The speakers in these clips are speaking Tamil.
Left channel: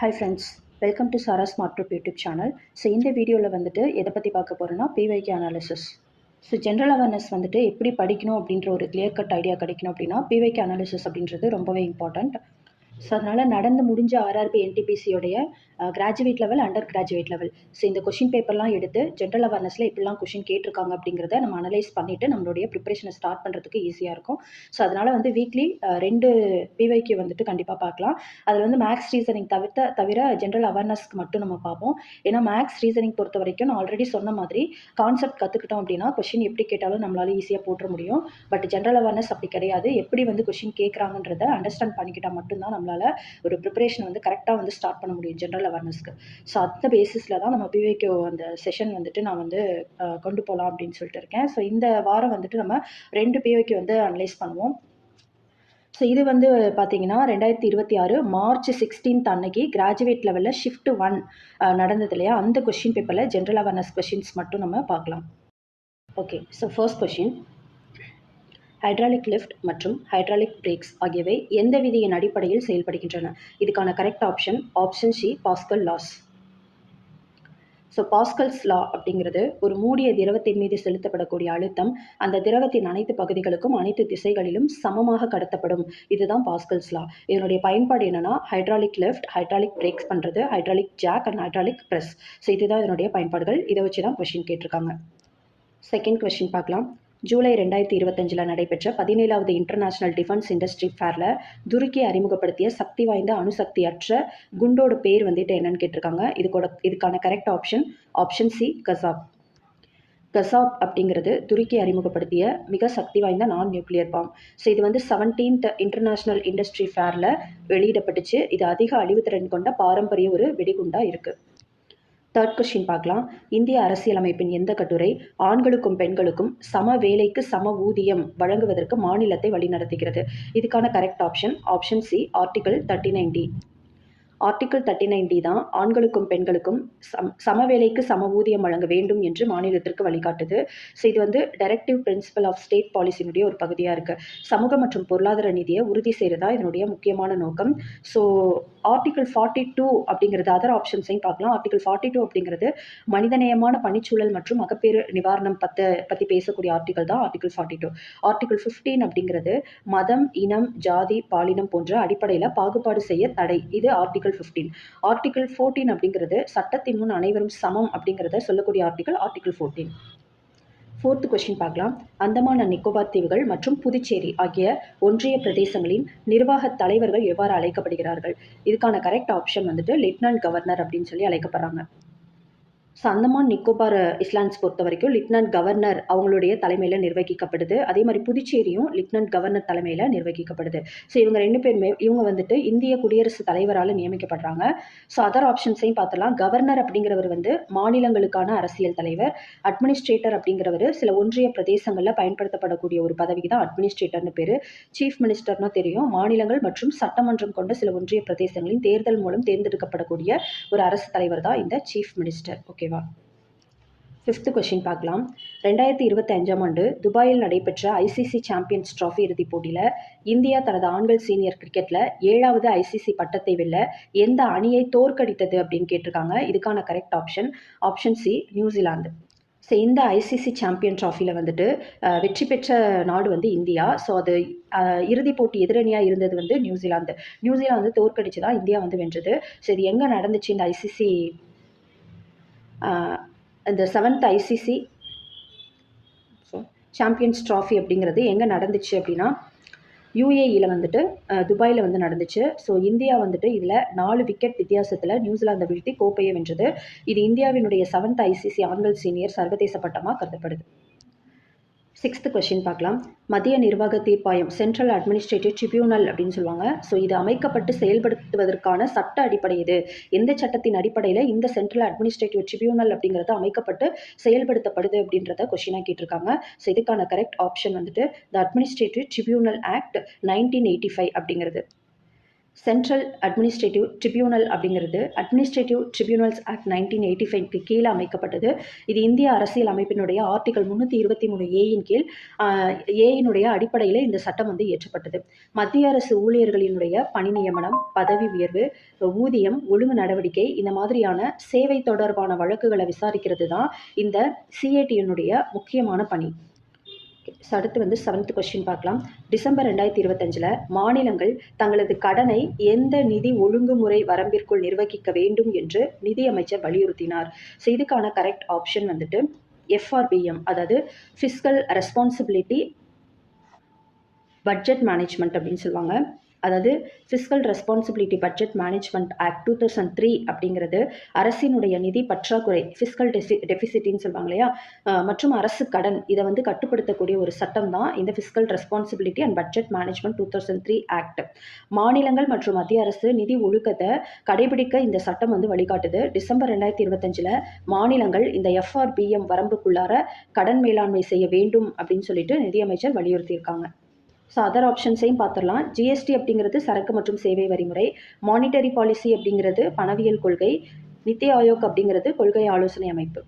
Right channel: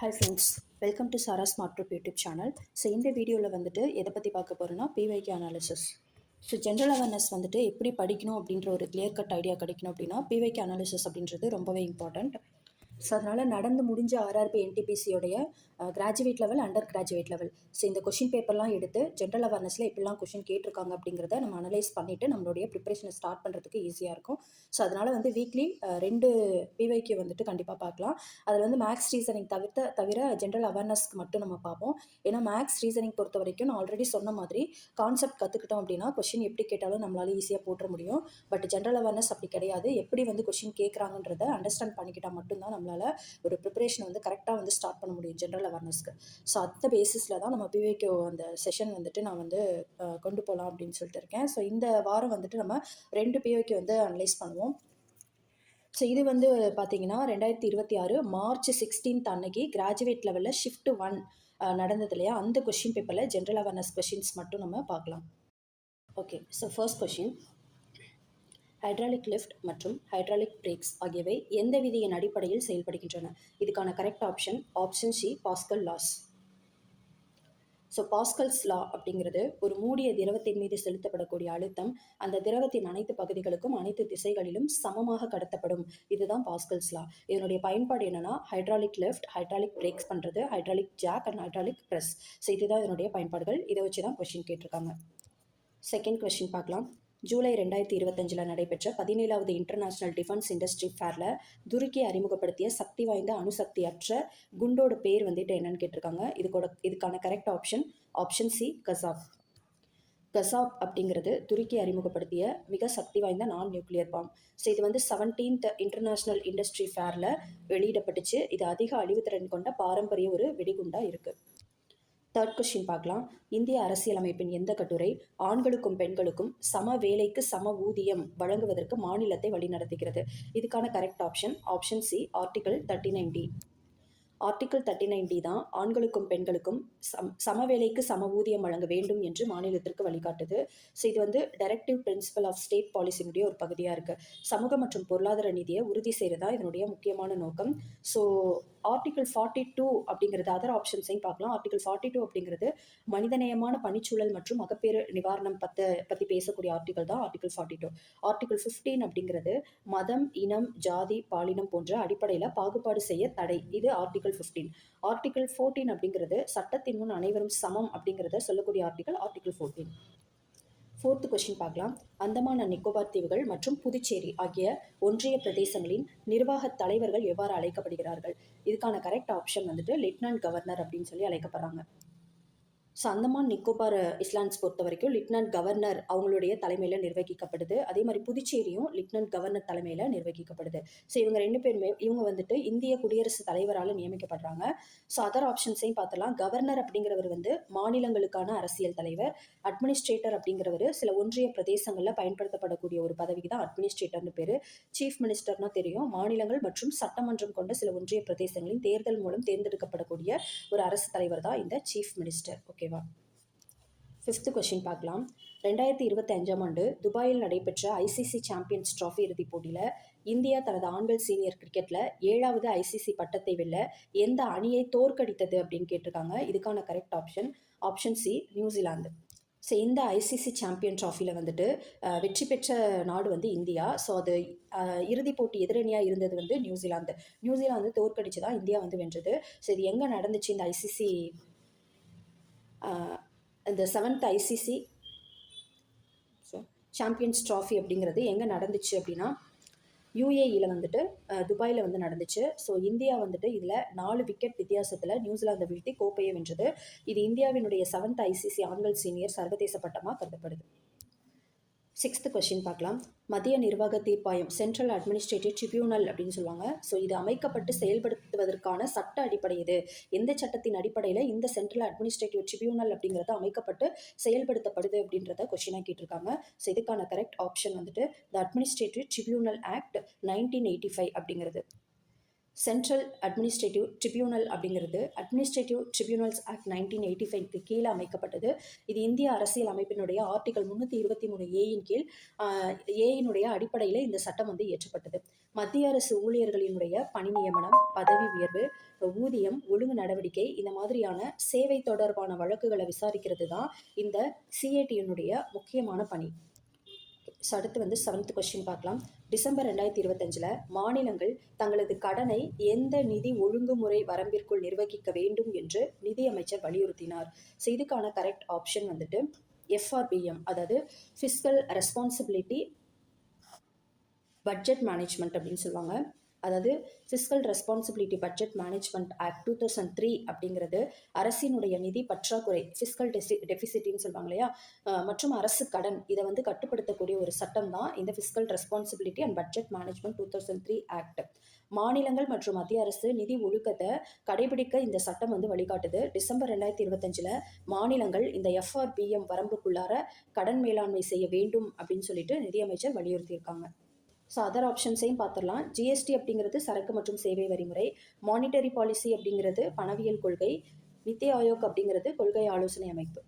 Hi friends, welcome to Sara smart trip YouTube channel. So இந்த வீடியோவில் வந்துட்டு எதை பற்றி பார்க்க போகிறோன்னா PYQ analysis. So general awareness வந்துட்டு எப்படி படிக்கணும் அப்படின்ற ஒரு கிளியர் கட் ஐடியா கிடைக்கணும் அப்படின்னா பிவைக்யூ அனாலிசிஸ் அப்படின்றது ரொம்பவே இம்பார்ட்டண்ட். ஸோ அதனால் நடந்து முடிஞ்ச ஆர்ஆர்பி என்டிபிசியோடைய graduate level, under graduate level, so இந்த கொஷின் பேப்பர்லாம் எடுத்து ஜென்ரல் அவேர்னஸில் எப்படிலாம் கொஷின் கேட்டிருக்காங்க அப்படிங்கிறத நம்ம அனலைஸ் பண்ணிவிட்டு நம்மளுடைய ப்ரிப்பரேஷனை ஸ்டார்ட் பண்ணுறதுக்கு ஈஸியாக இருக்கும். ஸோ அதனால் வந்து வீக்லி 2 பிவைக்யூ வந்துட்டு கண்டிப்பாக பார்க்கலாம். அதில் வந்து மேக்ஸ் ரீசனிங் தவிர ஜென்ரல் அவேர்னஸ்க்கு மட்டும் நம்ம பார்ப்போம். ஏன்னா மேக்ஸ் ரீசனிங் பொறுத்த வரைக்கும் நான் ஆல்ரெடி சொன்ன மாதிரி கான்செப்ட் கற்றுக்கிட்டோம் அப்படின்னா கொஷின் எப்படி கேட்டாலும் நம்மளால ஈஸியாக போட்டுற முடியும். பட் ஜென்ரல் அவேர்னஸ் அப்படி கிடையாது. எப்படி வந்து கொஷின் கேட்குறாங்கன்றதை அண்டர்ஸ்டாண்ட் பண்ணிக்கிட்டால் மட்டும்தான் நம்மளால் ஒரு ப்ரிப்பரேஷன் வந்து கரெக்டாக வந்து ஸ்டார்ட் பண்ண முடியும் ஜென்ரல் அவேர்னஸ்க்கு. ஸோ அந்த பேசிஸில் தான் நம்ம பிவைக்யூ அந்த செஷன் வந்துட்டு நான் வந்து கொண்டு போகலாம் அப்படின்னு சொல்லிட்டு இருக்கேன். ஸோ இந்த வாரம் வந்துட்டு நம்ம 2 பிவைக்யூ வந்து அனலைஸ் பண்ணுவோம். ஸோ இது வந்து பார்த்தீங்கன்னா 2026 மார்ச் 16 அன்னைக்கு கிராஜுவேட் லெவலில் ஷிஃப்ட் 1 நடந்தது இல்லையா, அந்த கொஷின் பேப்பரில் ஜென்ரல் அவேர்னஸ் கொஷின்ஸ் மட்டும் நம்ம பார்க்கலாம். Okay, so first question, hydraulic lift மற்றும் ஹைட்ராலிக் பிரேக்ஸ் ஆகியவை எந்த விதியின் அடிப்படையில் செயல்படுகின்றன? இதுக்கான correct option C, Pascal laws. So Pascal's law அப்படிங்கிறது ஒரு மூடிய திரவத்தின் மீது செலுத்தப்படக்கூடிய அழுத்தம் அந்த திரவத்தின் அனைத்து பகுதிகளுக்கும் அனைத்து திசைகளிலும் சமமாக கடத்தப்படும். இதுதான் பாஸ்கல்ஸ் லா. இதனுடைய பயன்பாடு என்னன்னா ஹைட்ராலிக் லிஃப்ட், ஹைட்ராலிக் பிரேக்ஸ் பண்ணுறது, hydraulic jack and hydraulic press. So இதுதான் இதனுடைய பயன்பாடுகள். இதை வச்சு தான் கொஷின் கேட்டிருக்காங்க. செகண்ட் கொஷின் பார்க்கலாம். ஜூலை 2025 நடைபெற்ற 17வது இன்டர்நேஷனல் டிஃபென்ஸ் இண்டஸ்ட்ரி ஃபேரில் துருக்கி அறிமுகப்படுத்திய சக்தி வாய்ந்த அணுசக்தியற்ற குண்டோட பேர் வந்துட்டு என்னன்னு கேட்டிருக்காங்க. இதுக்கான correct option C, Kasab. Kasab அப்படிங்கிறது துருக்கி அறிமுகப்படுத்திய மிக சக்தி வாய்ந்த நான் நியூக்ளியர் பாம். ஸோ இது வந்து 17th இன்டர்நேஷனல் இண்டஸ்ட்ரி ஃபேரில் வெளியிடப்பட்டுச்சு. இது அதிக அழிவுத்திறன் கொண்ட பாரம்பரிய ஒரு வெடிகுண்டாக இருக்குது. தேர்ட் கொஸ்டின் பார்க்கலாம். இந்திய அரசியலமைப்பின் எந்த கட்டுரை ஆண்களுக்கும் பெண்களுக்கும் சம வேலைக்கு சம ஊதியம் வழங்குவதற்கு மாநிலத்தை வழிநடத்துகிறது? இதுக்கான correct option C, article 39D. Article 39D தான் ஆண்களுக்கும் பெண்களுக்கும் சம வேலைக்கு சம ஊதியம் வழங்க வேண்டும் என்று மாநிலத்திற்கு வழிகாட்டுது. ஸோ இது வந்து டைரக்டிவ் பிரின்சிபல் ஆஃப் ஸ்டேட் பாலிசியினுடைய ஒரு பகுதியாக இருக்குது. சமூக மற்றும் பொருளாதார நிதியை உறுதி செய்கிறதா இதனுடைய முக்கியமான நோக்கம். ஸோ ஆர்டிகல் 42 அப்படிங்கிறது அதர் ஆப்ஷன்ஸையும் பார்க்கலாம். ஆர்டிகல் 42 அப்படிங்கிறது மனிதநேயமான பணிச்சூழல் மற்றும் மகப்பேறு நிவாரணம் பற்றி பேசக்கூடிய ஆர்டிகல் தான் ஆர்டிகல் 42. ஆர்டிகல் 15 அப்படிங்கிறது மதம், இனம், ஜாதி, பாலினம் போன்ற அடிப்படையில் பாகுபாடு செய்ய தடை. இது ஆர்டிகல் 15. ஆர்டிகல் 14 அப்படிங்கிறது சட்டத்தின் முன் அனைவரும் சமம் அப்படிங்கிறத சொல்லக்கூடிய ஆர்டிகல் 14. ஃபோர்த் கொஸ்டின் பார்க்கலாம். அந்தமான் அண்ட் நிக்கோபார் தீவுகள் மற்றும் புதுச்சேரி ஆகிய ஒன்றிய பிரதேசங்களின் நிர்வாக தலைவர்கள் எவ்வாறு அழைக்கப்படுகிறார்கள்? இதுக்கான கரெக்ட் ஆப்ஷன் வந்துட்டு லெப்டினன்ட் கவர்னர் அப்படின்னு சொல்லி அழைக்கப்படுறாங்க. ஸோ அந்தமான் நிக்கோபார் ஐலாண்ட்ஸ் பொறுத்த வரைக்கும் லெப்டினன்ட் கவர்னர் அவங்களுடைய தலைமையில் நிர்வகிக்கப்படுது. அதே மாதிரி புதுச்சேரியும் லெப்டினன்ட் கவர்னர் தலைமையில் நிர்வகிக்கப்படுது. ஸோ இவங்க 2 பேருமே வந்துட்டு இந்திய குடியரசுத் தலைவரால் நியமிக்கப்படுறாங்க. ஸோ அதர் ஆப்ஷன்ஸையும் பார்த்தலாம். கவர்னர் அப்படிங்கிறவர் வந்து மாநிலங்களுக்கான அரசியல் தலைவர். அட்மினிஸ்ட்ரேட்டர் அப்படிங்கிறவர் சில ஒன்றிய பிரதேசங்களில் பயன்படுத்தப்படக்கூடிய ஒரு பதவிக்கு தான் அட்மினிஸ்ட்ரேட்டர்னு பேர். சீஃப் மினிஸ்டர்னா தெரியும். மாநிலங்கள் மற்றும் சட்டமன்றம் கொண்ட சில ஒன்றிய பிரதேசங்களின் தேர்தல் மூலம் தேர்ந்தெடுக்கப்படக்கூடிய ஒரு அரசு தலைவர் தான் இந்த சீஃப் மினிஸ்டர். ஓகேவா? ஃபிஃப்த் கொஸ்டின் பார்க்கலாம். 2025ஆம் ஆண்டு துபாயில் நடைபெற்ற ஐசிசி சாம்பியன்ஸ் டிராஃபி இறுதிப் போட்டியில் இந்தியா தனது ஆண்கள் சீனியர் கிரிக்கெட்டில் 7வது ஐசிசி பட்டத்தை வெல்ல எந்த அணியை தோற்கடித்தது அப்படின்னு கேட்டிருக்காங்க. இதுக்கான correct option C, New Zealand. So இந்த ஐசிசி சாம்பியன் ட்ராஃபியில் வந்துட்டு வெற்றி பெற்ற நாடு வந்து இந்தியா. ஸோ அது இறுதிப் போட்டி எதிரணியாக இருந்தது வந்து நியூசிலாந்து தோற்கடிச்சு தான் இந்தியா வந்து வென்றது. ஸோ இது எங்கே நடந்துச்சு? இந்த ஐசிசி இந்த 7th ஐசிசி சாம்பியன்ஸ் ட்ராஃபி அப்படிங்கிறது எங்கே நடந்துச்சு அப்படின்னா யூஏஇயில் வந்துட்டு துபாயில் வந்து நடந்துச்சு. ஸோ இந்தியா வந்துட்டு இதில் 4 விக்கெட் வித்தியாசத்தில் நியூசிலாந்தை வீழ்த்தி கோப்பையை வென்றது. இது இந்தியாவினுடைய 7th ஐசிசி ஆண்கள் சீனியர் சர்வதேச பட்டமாக கருதப்படுது. 6th கொஸ்டின் பார்க்கலாம். மத்திய நிர்வாக தீர்ப்பாயம், சென்ட்ரல் அட்மினிஸ்ட்ரேட்டிவ் ட்ரிபியூனல் அப்படின்னு சொல்லுவாங்க. ஸோ இது அமைக்கப்பட்டு செயல்படுத்துவதற்கான சட்ட அடிப்படை இது. எந்த சட்டத்தின் அடிப்படையில் இந்த சென்ட்ரல் அட்மினிஸ்ட்ரேட்டிவ் ட்ரிபியூனல் அப்படிங்கிறது அமைக்கப்பட்டு செயல்படுத்தப்படுது அப்படின்றத கொஸ்டினாக கேட்டிருக்காங்க. ஸோ இதுக்கான கரெக்ட் ஆப்ஷன் வந்துட்டு த அட்மினிஸ்ட்ரேட்டிவ் ட்ரிபியூனல் ஆக்ட் 1985 அப்படிங்கிறது. சென்ட்ரல் அட்மினிஸ்ட்ரேட்டிவ் ட்ரிபியூனல் அப்படிங்கிறது அட்மினிஸ்ட்ரேட்டிவ் ட்ரிபியூனல்ஸ் ஆக்ட் 1985க்கு கீழே அமைக்கப்பட்டது. இது இந்திய அரசியல் அமைப்பினுடைய ஆர்டிகல் 323 ஏயின் கீழ் ஏயினுடைய அடிப்படையில் இந்த சட்டம் வந்து இயற்றப்பட்டது. மத்திய அரசு ஊழியர்களினுடைய பணி நியமனம், பதவி உயர்வு, ஊதியம், ஒழுங்கு நடவடிக்கை இந்த மாதிரியான சேவை தொடர்பான வழக்குகளை விசாரிக்கிறது தான் இந்த சிஏடியினுடைய முக்கியமான பணி. ஸோ அடுத்து வந்து 7th கொஸ்டின் பார்க்கலாம். டிசம்பர் 2025 மாநிலங்கள் தங்களது கடனை எந்த நிதி ஒழுங்குமுறை வரம்பிற்குள் நிர்வகிக்க வேண்டும் என்று நிதியமைச்சர் வலியுறுத்தினார். ஸோ இதுக்கான கரெக்ட் ஆப்ஷன் வந்துட்டு எஃப்ஆர்பிஎம், அதாவது ஃபிஸ்கல் ரெஸ்பான்சிபிலிட்டி பட்ஜெட் மேனேஜ்மெண்ட் அப்படின்னு சொல்லுவாங்க. அதாவது fiscal responsibility budget management act 2003 அப்படிங்கிறது அரசினுடைய நிதி பற்றாக்குறை, ஃபிஸ்கல் டெபிசிட்டின்னு சொல்லுவாங்க இல்லையா, மற்றும் அரசு கடன் இதை வந்து கட்டுப்படுத்தக்கூடிய ஒரு சட்டம் தான் இந்த fiscal responsibility and budget management 2003 act. மாநிலங்கள் மற்றும் மத்திய அரசு நிதி ஒழுக்கத்தை கடைபிடிக்க இந்த சட்டம் வந்து வழிகாட்டுது. டிசம்பர் 2025 மாநிலங்கள் இந்த எஃப்ஆர்பிஎம் வரம்புக்குள்ளார கடன் மேலாண்மை செய்ய வேண்டும் அப்படின்னு சொல்லிட்டு நிதியமைச்சர் வலியுறுத்தியிருக்காங்க. ஸோ அதர் ஆப்ஷன்ஸையும் பார்த்துடலாம். ஜிஎஸ்டி அப்படிங்கிறது சரக்கு மற்றும் சேவை வரிமுறை, மானிட்டரி பாலிசி அப்படிங்கிறது பணவியல் கொள்கை, நித்தி ஆயோக் அப்படிங்கிறது கொள்கை ஆலோசனை அமைப்பு.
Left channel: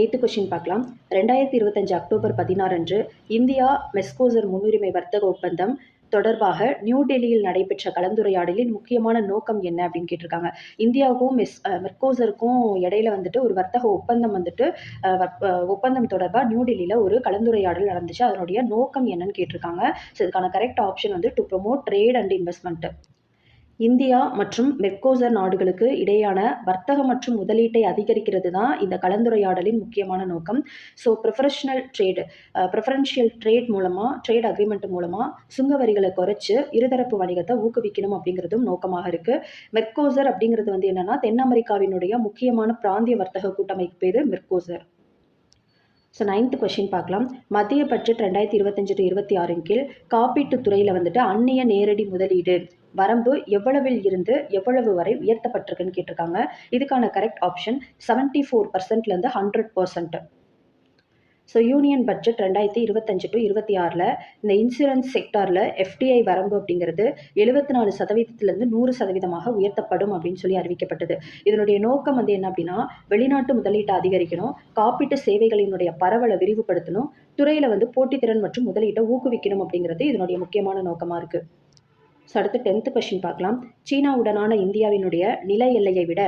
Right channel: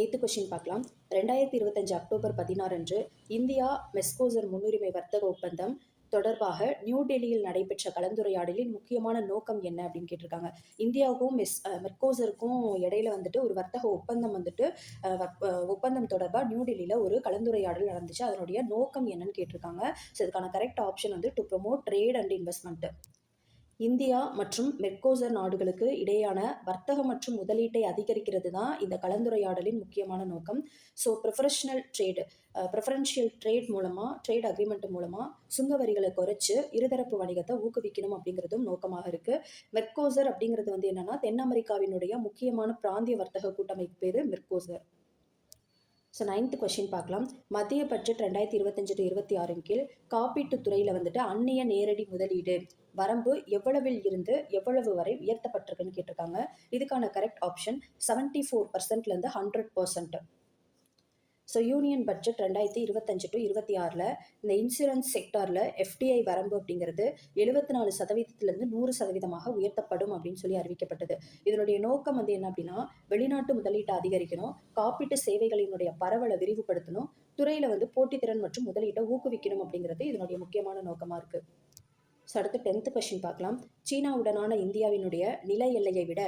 8th கொஸ்டின் பார்க்கலாம். 2025 அக்டோபர் 16 அன்று இந்தியா மெர்கோசூர் முன்னுரிமை வர்த்தக ஒப்பந்தம் தொடர்பாக நியூ டெல்லியில் நடைபெற்ற கலந்துரையாடலின் முக்கியமான நோக்கம் என்ன அப்படின்னு கேட்டிருக்காங்க. இந்தியாவுக்கும் மெர்கோசூருக்கும் இடையில வந்துட்டு ஒரு வர்த்தக ஒப்பந்தம் வந்துட்டு ஒப்பந்தம் தொடர்பாக நியூ டெல்லியில் ஒரு கலந்துரையாடல் நடந்துச்சு. அதனுடைய நோக்கம் என்னன்னு கேட்டிருக்காங்க. ஸோ இதுக்கான கரெக்ட் ஆப்ஷன் வந்து to promote trade and investment. India மற்றும் மெர்கோசூர் நாடுகளுக்கு இடையான வர்த்தகம் மற்றும் முதலீட்டை அதிகரிக்கிறது தான் இந்த கலந்துரையாடலின் முக்கியமான நோக்கம். ஸோ ப்ரிஃபரன்ஷியல் ட்ரேட் மூலமாக, ட்ரேட் அக்ரிமெண்ட் மூலமாக சுங்க வரிகளை குறைச்சி இருதரப்பு வணிகத்தை ஊக்குவிக்கணும் அப்படிங்கிறதும் நோக்கமாக இருக்குது. மெர்கோசூர் அப்படிங்கிறது வந்து என்னென்னா தென் அமெரிக்காவினுடைய முக்கியமான பிராந்திய வர்த்தக கூட்டமைப்பு பேர் மெர்கோசூர். ஸோ 9th கொஸ்டின் பார்க்கலாம். மத்திய பட்ஜெட் 2025-26 கீழ் காப்பீட்டுத் துறையில் வந்துட்டு அந்நிய நேரடி முதலீடு வரம்பு எவ்வளவில் இருந்து எவ்வளவு வரை உயர்த்தப்பட்டிருக்குன்னு கேட்டிருக்காங்க. இதுக்கான கரெக்ட் ஆப்ஷன் 74%லேருந்து 100%. ஸோ யூனியன் பட்ஜெட் 2025-26 இந்த இன்சூரன்ஸ் செக்டாரில் எஃப்டிஐ வரம்பு அப்படிங்கிறது 74%லேருந்து 100% உயர்த்தப்படும் அப்படின்னு சொல்லி அறிவிக்கப்பட்டது. இதனுடைய நோக்கம் வந்து என்ன அப்படின்னா, வெளிநாட்டு முதலீட்டை அதிகரிக்கணும், காப்பீட்டு சேவைகளினுடைய பரவலை விரிவுபடுத்தணும், துறையில் வந்து போட்டித்திறன் மற்றும் முதலீட்டை ஊக்குவிக்கணும் அப்படிங்கிறது இதனுடைய முக்கியமான நோக்கமாக இருக்குது. ஸோ அடுத்து 10th கொஸ்டின் பார்க்கலாம். சீனாவுடனான இந்தியாவினுடைய நில எல்லையை விட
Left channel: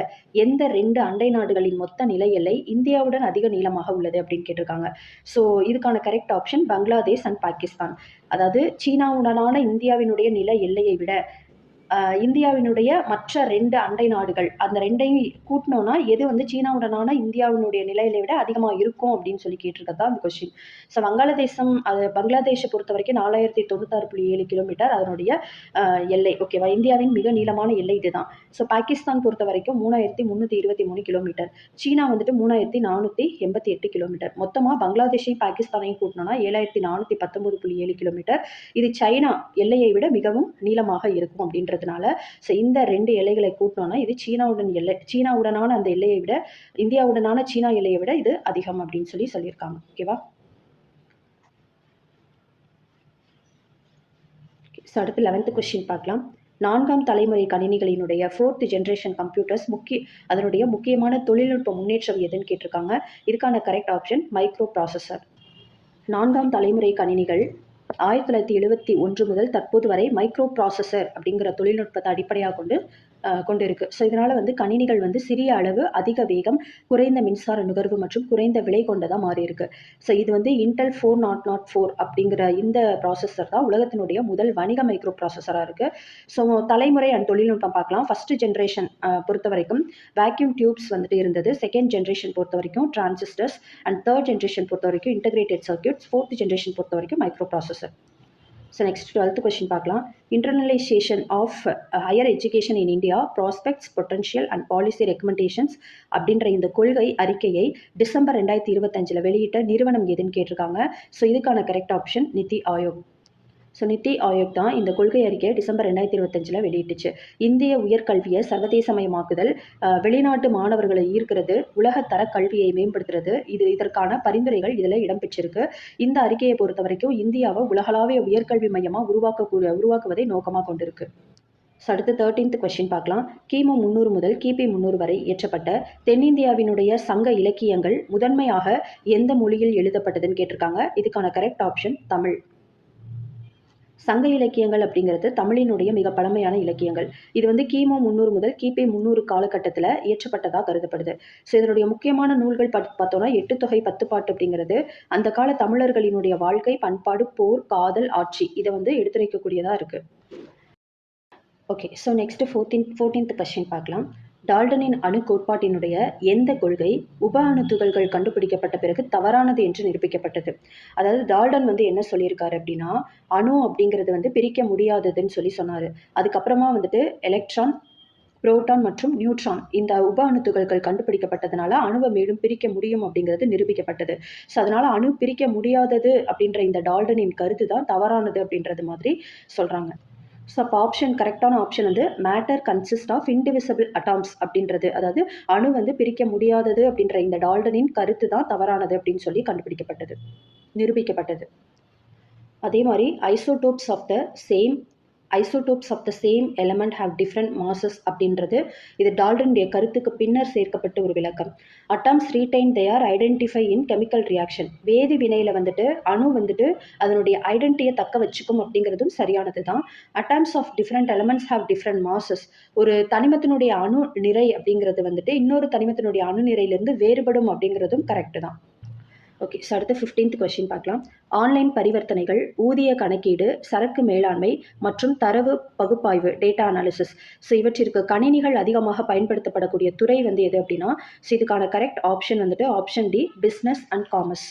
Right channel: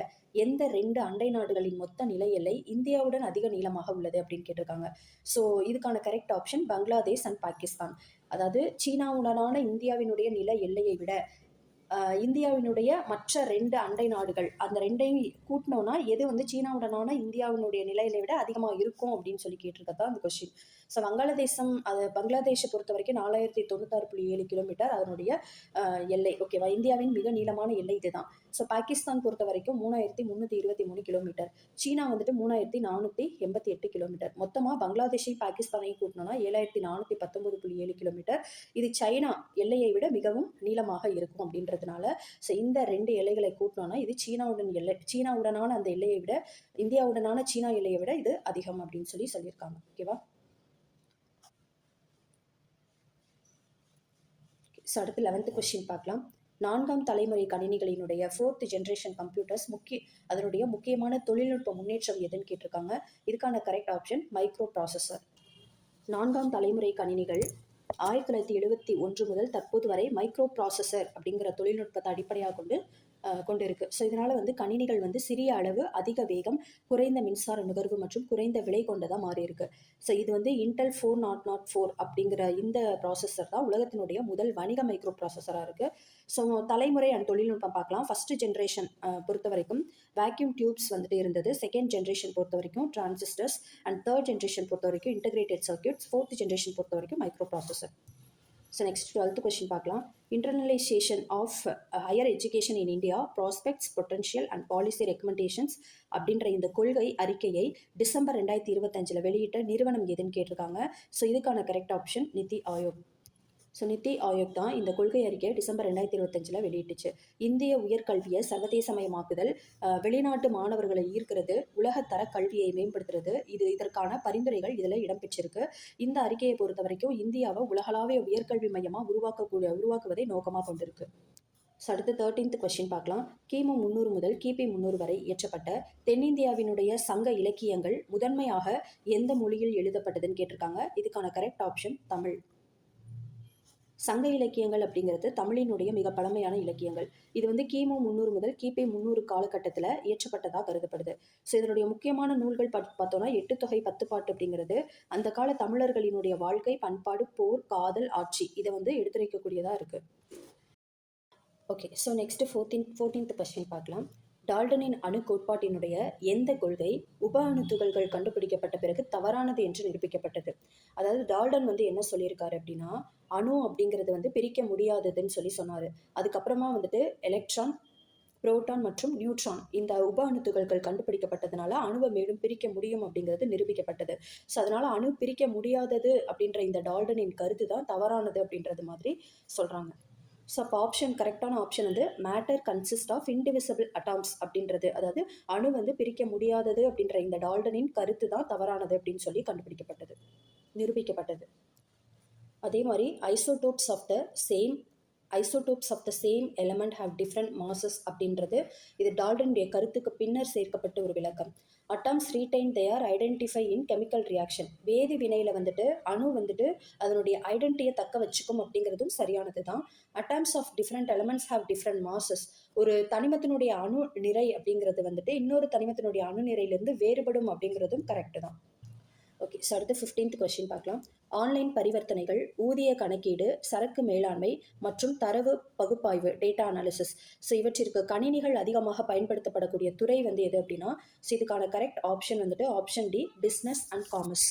எந்த 2 அண்டை நாடுகளின் மொத்த நில எல்லை இந்தியாவுடன் அதிக நீளமாக உள்ளது அப்படின்னு கேட்டிருக்காங்க. ஸோ இதுக்கான correct option Bangladesh and Pakistan. அதாவது சீனாவுடனான இந்தியாவினுடைய நில எல்லையை விட இந்தியாவினுடைய மற்ற 2 அண்டை நாடுகள், அந்த 2ஐயும் கூட்டினோன்னா எது வந்து சீனாவுடனான இந்தியாவினுடைய நிலையில விட அதிகமாக இருக்கும் அப்படின்னு சொல்லி கேட்டிருக்கிறது தான் அந்த கொஸ்டின். ஸோ பங்களாதேஷை பொறுத்த வரைக்கும் 4096.7 கிலோமீட்டர் அதனுடைய எல்லை. ஓகேவா, இந்தியாவின் மிக நீளமான எல்லை இதுதான். ஸோ பாகிஸ்தான் பொறுத்த வரைக்கும் 3323 கிலோமீட்டர், சீனா வந்துட்டு 3488 கிலோமீட்டர். மொத்தமாக பங்களாதேஷையும் பாகிஸ்தானையும் கூட்டினோன்னா 7419.7 கிலோமீட்டர். இது சைனா எல்லையை விட மிகவும் நீளமாக இருக்கும் அப்படின்றது. ஸோ இந்த 2 எல்லைகளை கூட்டினோம்னா இது சீனாவுடனான அந்த எல்லையை விட, இந்தியாவுடனான சீனா எல்லையை விட இது அதிகம் அப்படின்னு சொல்லியிருக்காங்க. ஓகேவா. ஸோ அடுத்து 11th கொஸ்டின் பார்க்கலாம். 4ஆம் தலைமுறை கணினிகளினுடைய 4th ஜென்ரேஷன் கம்ப்யூட்டர்ஸ் அதனுடைய முக்கியமான தொழில்நுட்ப முன்னேற்றம் எதுன்னு கேட்டிருக்காங்க. இதுக்கான கரெக்ட் ஆப்ஷன் மைக்ரோ ப்ராசஸர். 4ஆம் தலைமுறை கணினிகள் 1971 முதல் தற்போது வரை மைக்ரோ ப்ராசஸர் அப்படிங்கிற தொழில்நுட்பத்தை அடிப்படையாக கொண்டு இருக்கு. ஸோ இதனால் வந்து கணினிகள் வந்து சிறிய அளவு, அதிக வேகம், குறைந்த மின்சார நுகர்வு மற்றும் குறைந்த விலை கொண்டதாக மாறி இருக்கு. ஸோ இது வந்து இன்டெல் 4004 அப்படிங்கிற இந்த ப்ராசஸர் தான் உலகத்தினுடைய முதல் வணிக மைக்ரோ ப்ராசஸராக இருக்குது. ஸோ தலைமுறை அண்ட் தொழில்நுட்பம் பார்க்கலாம். ஃபர்ஸ்ட் ஜென்ரேஷன் பொறுத்த வரைக்கும் வேக்யூம் டியூப்ஸ் வந்துட்டு இருந்தது. செகண்ட் ஜென்ரேஷன் பொறுத்த வரைக்கும் டிரான்சிஸ்டர்ஸ் அண்ட் தேர்ட் ஜென்ரேஷன் பொறுத்த வரைக்கும் இன்டகிரேட்டட் சர்க்யூட்ஸ், ஃபோர்த் ஜென்ரேஷன் பொறுத்த வரைக்கும் microprocessor. So next 12th question பார்க்கலாம். Internalisation of higher education in India prospects, potential and policy recommendations அப்படின்ற இந்த கொள்கை அறிக்கையை டிசம்பர் 2025 வெளியிட்ட நிறுவனம் எதுன்னு கேட்டிருக்காங்க. ஸோ இதுக்கான correct option NITI Aayog. So NITI Aayog தான் இந்த கொள்கை அறிக்கையை டிசம்பர் 2025 வெளியிட்டுச்சு. இந்திய உயர்கல்வியை சர்வதேசமயமாக்குதல், வெளிநாட்டு மாணவர்களை ஈர்க்கிறது, உலகத்தர கல்வியை மேம்படுத்துறது, இதற்கான பரிந்துரைகள் இதில் இடம்பெற்றிருக்கு. இந்த அறிக்கையை பொறுத்த வரைக்கும் இந்தியாவை உலகளாவிய உயர்கல்வி மையமாக உருவாக்குவதை நோக்கமாக கொண்டிருக்கு. ஸோ அடுத்து 13th கொஸ்டின் பார்க்கலாம். கிமு 300 முதல் கிபி 300 வரை இயற்றப்பட்ட தென்னிந்தியாவினுடைய சங்க இலக்கியங்கள் முதன்மையாக எந்த மொழியில் எழுதப்பட்டதுன்னு கேட்டிருக்காங்க. இதுக்கான கரெக்ட் ஆப்ஷன் தமிழ். சங்க இலக்கியங்கள் அப்படிங்கிறது தமிழினுடைய மிக பழமையான இலக்கியங்கள். இது வந்து கிமு 300 முதல் கிபி 300 காலகட்டத்தில் இயற்றப்பட்டதாக கருதப்படுது. ஸோ இதனுடைய முக்கியமான நூல்கள் பார்த்தோம்னா 8 தொகை 10 பாட்டு அப்படிங்கிறது அந்த கால தமிழர்களினுடைய வாழ்க்கை, பண்பாடு, போர், காதல், ஆட்சி இதை வந்து எடுத்துரைக்கக்கூடியதாக இருக்குது. Okay, so next 14th question பார்க்கலாம். டால்டனின் அணு கோட்பாட்டினுடைய எந்த கொள்கை உப அணு துகள்கள் கண்டுபிடிக்கப்பட்ட பிறகு தவறானது என்று நிரூபிக்கப்பட்டது? அதாவது டால்டன் வந்து என்ன சொல்லியிருக்காரு அப்படின்னா, அணு அப்படிங்கிறது வந்து பிரிக்க முடியாததுன்னு சொன்னார். அதுக்கப்புறமா வந்துட்டு எலக்ட்ரான், புரோட்டான் மற்றும் நியூட்ரான் இந்த உப அணு துகள்கள் கண்டுபிடிக்கப்பட்டதுனால அணுவை மேலும் பிரிக்க முடியும் அப்படிங்கிறது நிரூபிக்கப்பட்டது. ஸோ அதனால் அணு பிரிக்க முடியாதது அப்படின்ற இந்த டால்டனின் கருத்து தான் தவறானது அப்படின்றது மாதிரி சொல்கிறாங்க. ஸோ அப்போ ஆப்ஷன் கரெக்டான ஆப்ஷன் வந்து மேட்டர் கன்சிஸ்ட் ஆஃப் இன்டிவிசிபிள் அட்டாம்ஸ் அப்படின்றது, அதாவது அணு வந்து பிரிக்க முடியாதது அப்படின்ற இந்த டால்டனின் கருத்து தான் தவறானது அப்படின்னு சொல்லி நிரூபிக்கப்பட்டது. அதே மாதிரி isotopes of the same element have different masses அப்படின்றது இது டால்டனுடைய கருத்துக்கு பின்னர் சேர்க்கப்பட்ட ஒரு விளக்கம். Atoms retain their identify in chemical reaction. வேதி வினையில் வந்துட்டு அணு வந்துட்டு அதனுடைய ஐடென்டிட்டியை தக்க வச்சுக்கும் அப்படிங்கிறதும் சரியானது தான். Atoms of different elements have different masses. ஒரு தனிமத்தினுடைய அணு நிறை அப்படிங்கிறது வந்துட்டு இன்னொரு தனிமத்தினுடைய அணு நிறையிலிருந்து வேறுபடும் அப்படிங்கிறதும் கரெக்டு தான். ஓகே, ஸோ அடுத்து 15th கொஸ்டின் பார்க்கலாம். ஆன்லைன் பரிவர்த்தனைகள், ஊதிய கணக்கீடு, சரக்கு மேலாண்மை மற்றும் தரவு பகுப்பாய்வு, டேட்டா அனாலிசிஸ், ஸோ இவற்றிற்கு கணினிகள் அதிகமாக பயன்படுத்தப்படக்கூடிய துறை வந்து எது அப்படின்னா, ஸோ இதுக்கான கரெக்ட் ஆப்ஷன் வந்துட்டு option D, business and commerce.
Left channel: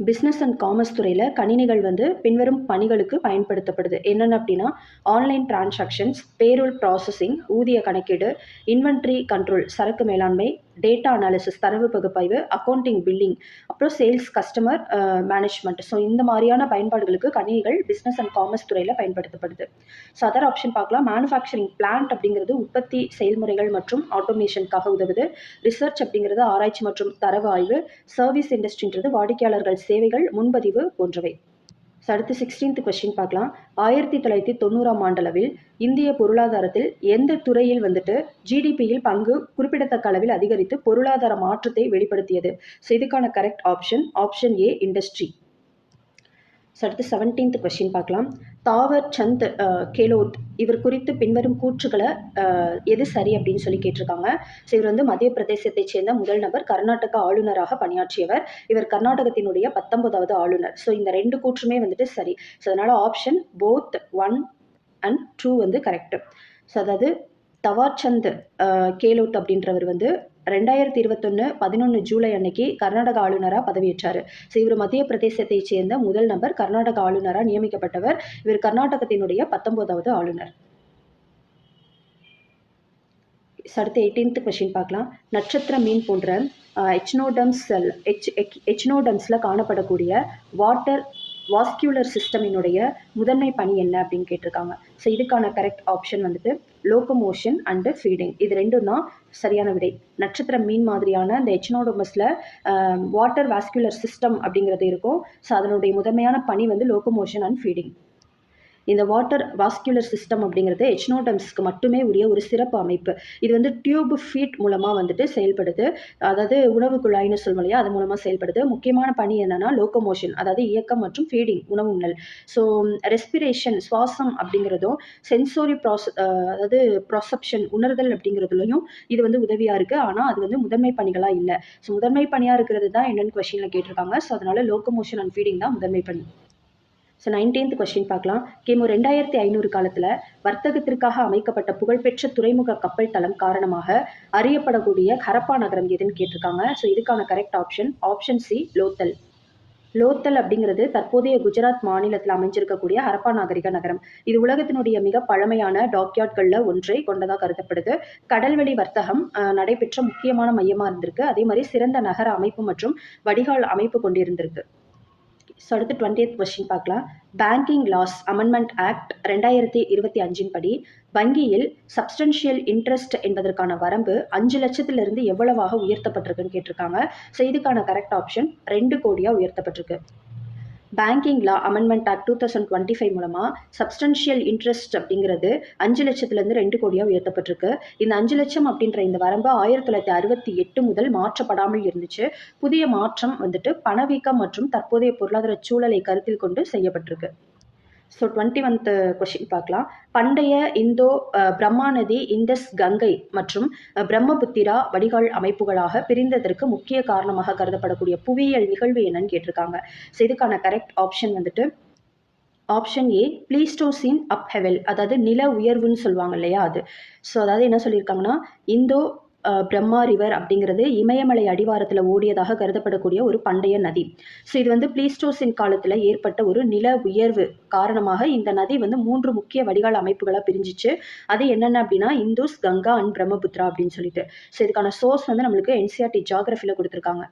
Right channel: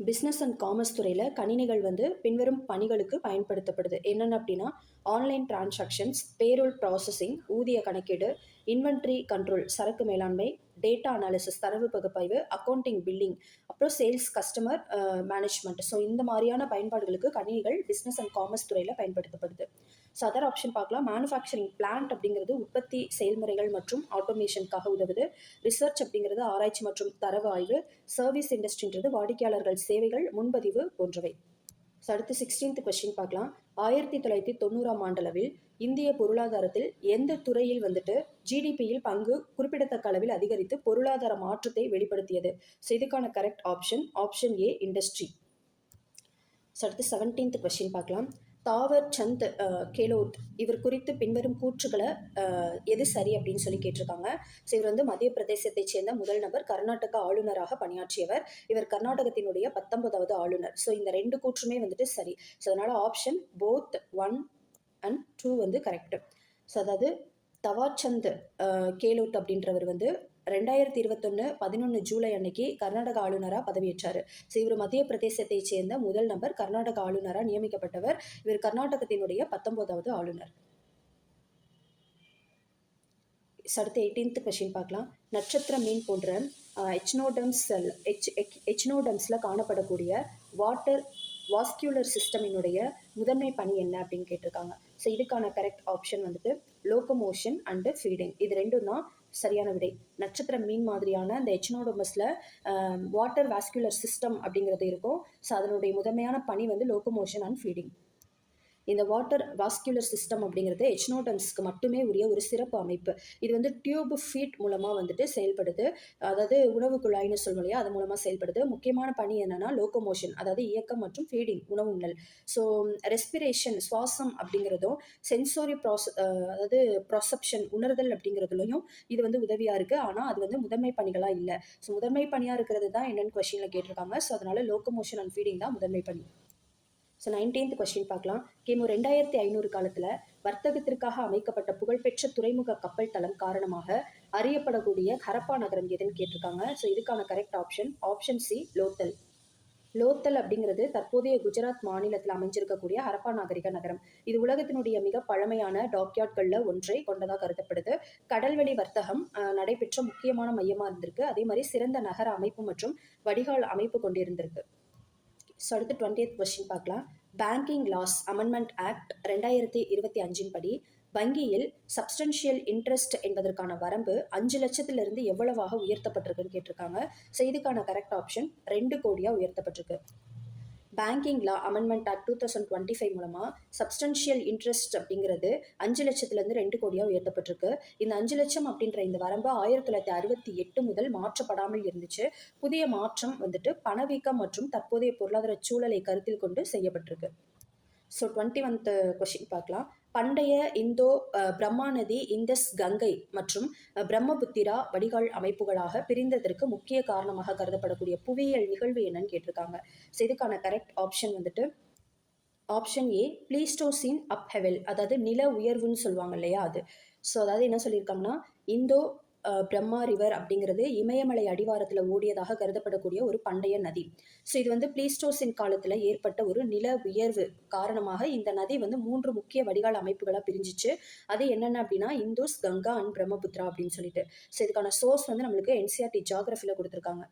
Business and commerce துறையில் கணினிகள் வந்து பின்வரும் பணிகளுக்கு பயன்படுத்தப்படுது. என்னென்ன அப்படின்னா, ஆன்லைன் டிரான்சாக்ஷன்ஸ், பேரோல் ப்ராசஸிங், ஊதிய கணக்கீடு, இன்வென்ட்ரி கண்ட்ரோல், சரக்கு மேலாண்மை, டேட்டா அனாலிசிஸ், தரவு பகுப்பாய்வு, அக்கௌண்டிங், பில்லிங், அப்புறம் சேல்ஸ், கஸ்டமர் மேனேஜ்மெண்ட். ஸோ இந்த மாதிரியான பயன்பாடுகளுக்கு கணினிகள் பிஸ்னஸ் அண்ட் காமர்ஸ் துறையில் பயன்படுத்தப்படுது. ஸோ அதர் ஆப்ஷன் பார்க்கலாம். மேனுஃபேக்சரிங் பிளான்ட் அப்படிங்கிறது உற்பத்தி செயல்முறைகள் மற்றும் ஆட்டோமேஷனுக்காக உதவுது. ரிசர்ச் அப்படிங்கிறது ஆராய்ச்சி மற்றும் தரவு ஆய்வு. சர்வீஸ் இண்டஸ்ட்ரின்றது வாடிக்கையாளர்கள் சேவைகள், முன்பதிவு போன்றவை. ஸோ அடுத்து 16th கொஸ்டின் பார்க்கலாம். 1990ஆம் ஆண்டளவில் இந்திய பொருளாதாரத்தில் எந்த துறையில் வந்துட்டு ஜிடிபியில் பங்கு குறிப்பிடத்தக்க அளவில் அதிகரித்து பொருளாதார மாற்றத்தை வெளிப்படுத்தியது? ஸோ இதுக்கான கரெக்ட் ஆப்ஷன் ஏ, இண்டஸ்ட்ரி. ஸோ அடுத்து 17th கொஸ்டின் பார்க்கலாம். தாவர் சந்த் கெலோட் இவர் குறித்து பின்வரும் கூற்றுகளை எது சரி அப்படின்னு சொல்லி கேட்டிருக்காங்க. ஸோ இவர் வந்து மத்திய பிரதேசத்தைச் சேர்ந்த முதல் நபர், கர்நாடக ஆளுநராக பணியாற்றியவர். இவர் கர்நாடகத்தினுடைய 19வது ஆளுநர். ஸோ இந்த 2 கூற்றுமே வந்துட்டு சரி. ஸோ அதனால் ஆப்ஷன் போத் 1 and 2 வந்து கரெக்டு. ஸோ அதாவது தவார்சந்த் கெலோட் அப்படின்றவர் வந்து 2021 11 ஜூலை அன்னைக்கு கர்நாடக ஆளுநராக பதவியேற்றார். ஸோ இவர் மத்திய பிரதேசத்தை சேர்ந்த முதல் நபர், கர்நாடக ஆளுநராக நியமிக்கப்பட்டவர். இவர் கர்நாடகத்தினுடைய 19வது ஆளுநர். அடுத்து 18th கொஸ்டின் பார்க்கலாம். நட்சத்திர மீன் போன்ற எச்னோடம்ஸில் காணப்படக்கூடிய வாட்டர் வாஸ்குலர் சிஸ்டமினுடைய முதன்மை பணி என்ன அப்படின்னு கேட்டிருக்காங்க. ஸோ இதுக்கான கரெக்ட் ஆப்ஷன் வந்துட்டு லோகோமோஷன் அண்டு ஃபீடிங். இது ரெண்டும் தான் சரியான விடை. நட்சத்திர மீன் மாதிரியான இந்த எச்னோடமஸில் வாட்டர் வாஸ்குலர் சிஸ்டம் அப்படிங்கிறது இருக்கும். ஸோ அதனுடைய முதன்மையான பணி வந்து லோகோமோஷன் அண்ட் ஃபீடிங். இந்த வாட்டர் வாஸ்குலர் சிஸ்டம் அப்படிங்கிறது எச்னோடம்ஸ்க்கு மட்டுமே உரிய ஒரு சிறப்பு அமைப்பு. இது வந்து டியூப் ஃபீட் மூலமாக வந்துட்டு செயல்படுது. அதாவது உணவு குழாய்னு சொல்லும் இல்லையா, அது மூலமாக செயல்படுது. முக்கியமான பணி என்னென்னா லோகோமோஷன், அதாவது இயக்கம், மற்றும் ஃபீடிங், உணவு உண்ணல். ஸோ ரெஸ்பிரேஷன், சுவாசம் அப்படிங்கிறதும், சென்சோரி அதாவது ப்ராசப்ஷன், உணர்தல் அப்படிங்கிறதுலையும் இது வந்து உதவியாக இருக்குது. ஆனால் அது வந்து முதன்மை பணிகளாக இல்லை. ஸோ முதன்மை பணியாக இருக்கிறது தான் என்னென்னு கொஸ்டினில் கேட்டிருக்காங்க. ஸோ அதனால் லோகோமோஷன் அண்ட் ஃபீடிங் தான் முதன்மை பணி. ஸோ 19th கொஸ்டின் பார்க்கலாம். கிமு 2500 காலத்தில் வர்த்தகத்திற்காக அமைக்கப்பட்ட புகழ்பெற்ற துறைமுக கப்பல் தளம் காரணமாக அறியப்படக்கூடிய ஹரப்பா நகரம் எதுன்னு கேட்டிருக்காங்க. ஸோ இதுக்கான correct option C, Lothal. Lothal அப்படிங்கிறது தற்போதைய குஜராத் மாநிலத்தில் அமைஞ்சிருக்கக்கூடிய ஹரப்பா நாகரிக நகரம். இது உலகத்தினுடைய மிக பழமையான டாக்யார்ட்களில் ஒன்றை கொண்டதாக கருதப்படுது. கடல்வெளி வர்த்தகம் நடைபெற்ற முக்கியமான மையமாக இருந்திருக்கு. அதே மாதிரி சிறந்த நகர அமைப்பு மற்றும் வடிகால் அமைப்பு கொண்டிருந்திருக்கு. ஸோ அடுத்து 20th கொஸ்டின் பார்க்கலாம். பேங்கிங் லாஸ் அமெண்ட்மெண்ட் ஆக்ட் 2025 படி வங்கியில் சப்ஸ்டன்ஷியல் இன்ட்ரெஸ்ட் என்பதற்கான வரம்பு 5 லட்சத்திலிருந்து எவ்வளவாக உயர்த்தப்பட்டிருக்குன்னு கேட்டிருக்காங்க. ஸோ இதுக்கான கரெக்ட் ஆப்ஷன் 2 கோடியாக உயர்த்தப்பட்டிருக்கு. பேங்கிங் லா அமெண்ட்மெண்ட் ஆக்ட் 2025 மூலமா சப்ஸ்டன்ஷியல் இன்ட்ரெஸ்ட் அப்படிங்கிறது 5 லட்சத்திலிருந்து 2 கோடியா உயர்த்தப்பட்டிருக்கு. இந்த 5 லட்சம் அப்படின்ற இந்த வரம்பு 1968 முதல் மாற்றப்படாமல் இருந்துச்சு. புதிய மாற்றம் வந்துட்டு பணவீக்கம் மற்றும் தற்போதைய பொருளாதார சூழலை கருத்தில் கொண்டு செய்யப்பட்டிருக்கு. ஸோ 21th கொஷின் பார்க்கலாம். பண்டைய இந்தோ பிரம்மா நதி, இந்தஸ், கங்கை மற்றும் பிரம்மபுத்திரா வடிகால் அமைப்புகளாக பிரிந்ததற்கு முக்கிய காரணமாக கருதப்படக்கூடிய புவியியல் நிகழ்வு என்னன்னு கேட்டிருக்காங்க. ஸோ இதுக்கான கரெக்ட் ஆப்ஷன் வந்துட்டு ஆப்ஷன் ஏ ப்ளீஸ்டோசின் அப்ஹெவல், அதாவது நில உயர்வுன்னு சொல்லுவாங்க இல்லையா அது. ஸோ அதாவது என்ன சொல்லியிருக்காங்கன்னா, இந்தோ பிரம்மா ரிவர் அப்படிங்கிறது இமயமலை அடிவாரத்தில் ஓடியதாக கருதப்படக்கூடிய ஒரு பண்டைய நதி. ஸோ இது வந்து ப்ளீஸ்டோசின் காலத்தில் ஏற்பட்ட ஒரு நில உயர்வு காரணமாக இந்த நதி வந்து 3 முக்கிய வடிகால் அமைப்புகளாக பிரிஞ்சிச்சு. அது என்னென்ன அப்படின்னா இந்துஸ், கங்கா அண்ட் பிரம்மபுத்திரா அப்படின்னு சொல்லிட்டு. ஸோ இதுக்கான சோர்ஸ் வந்து நம்மளுக்கு என்சிஆர்டி ஜியாகிரஃபியில் கொடுத்துருக்காங்க.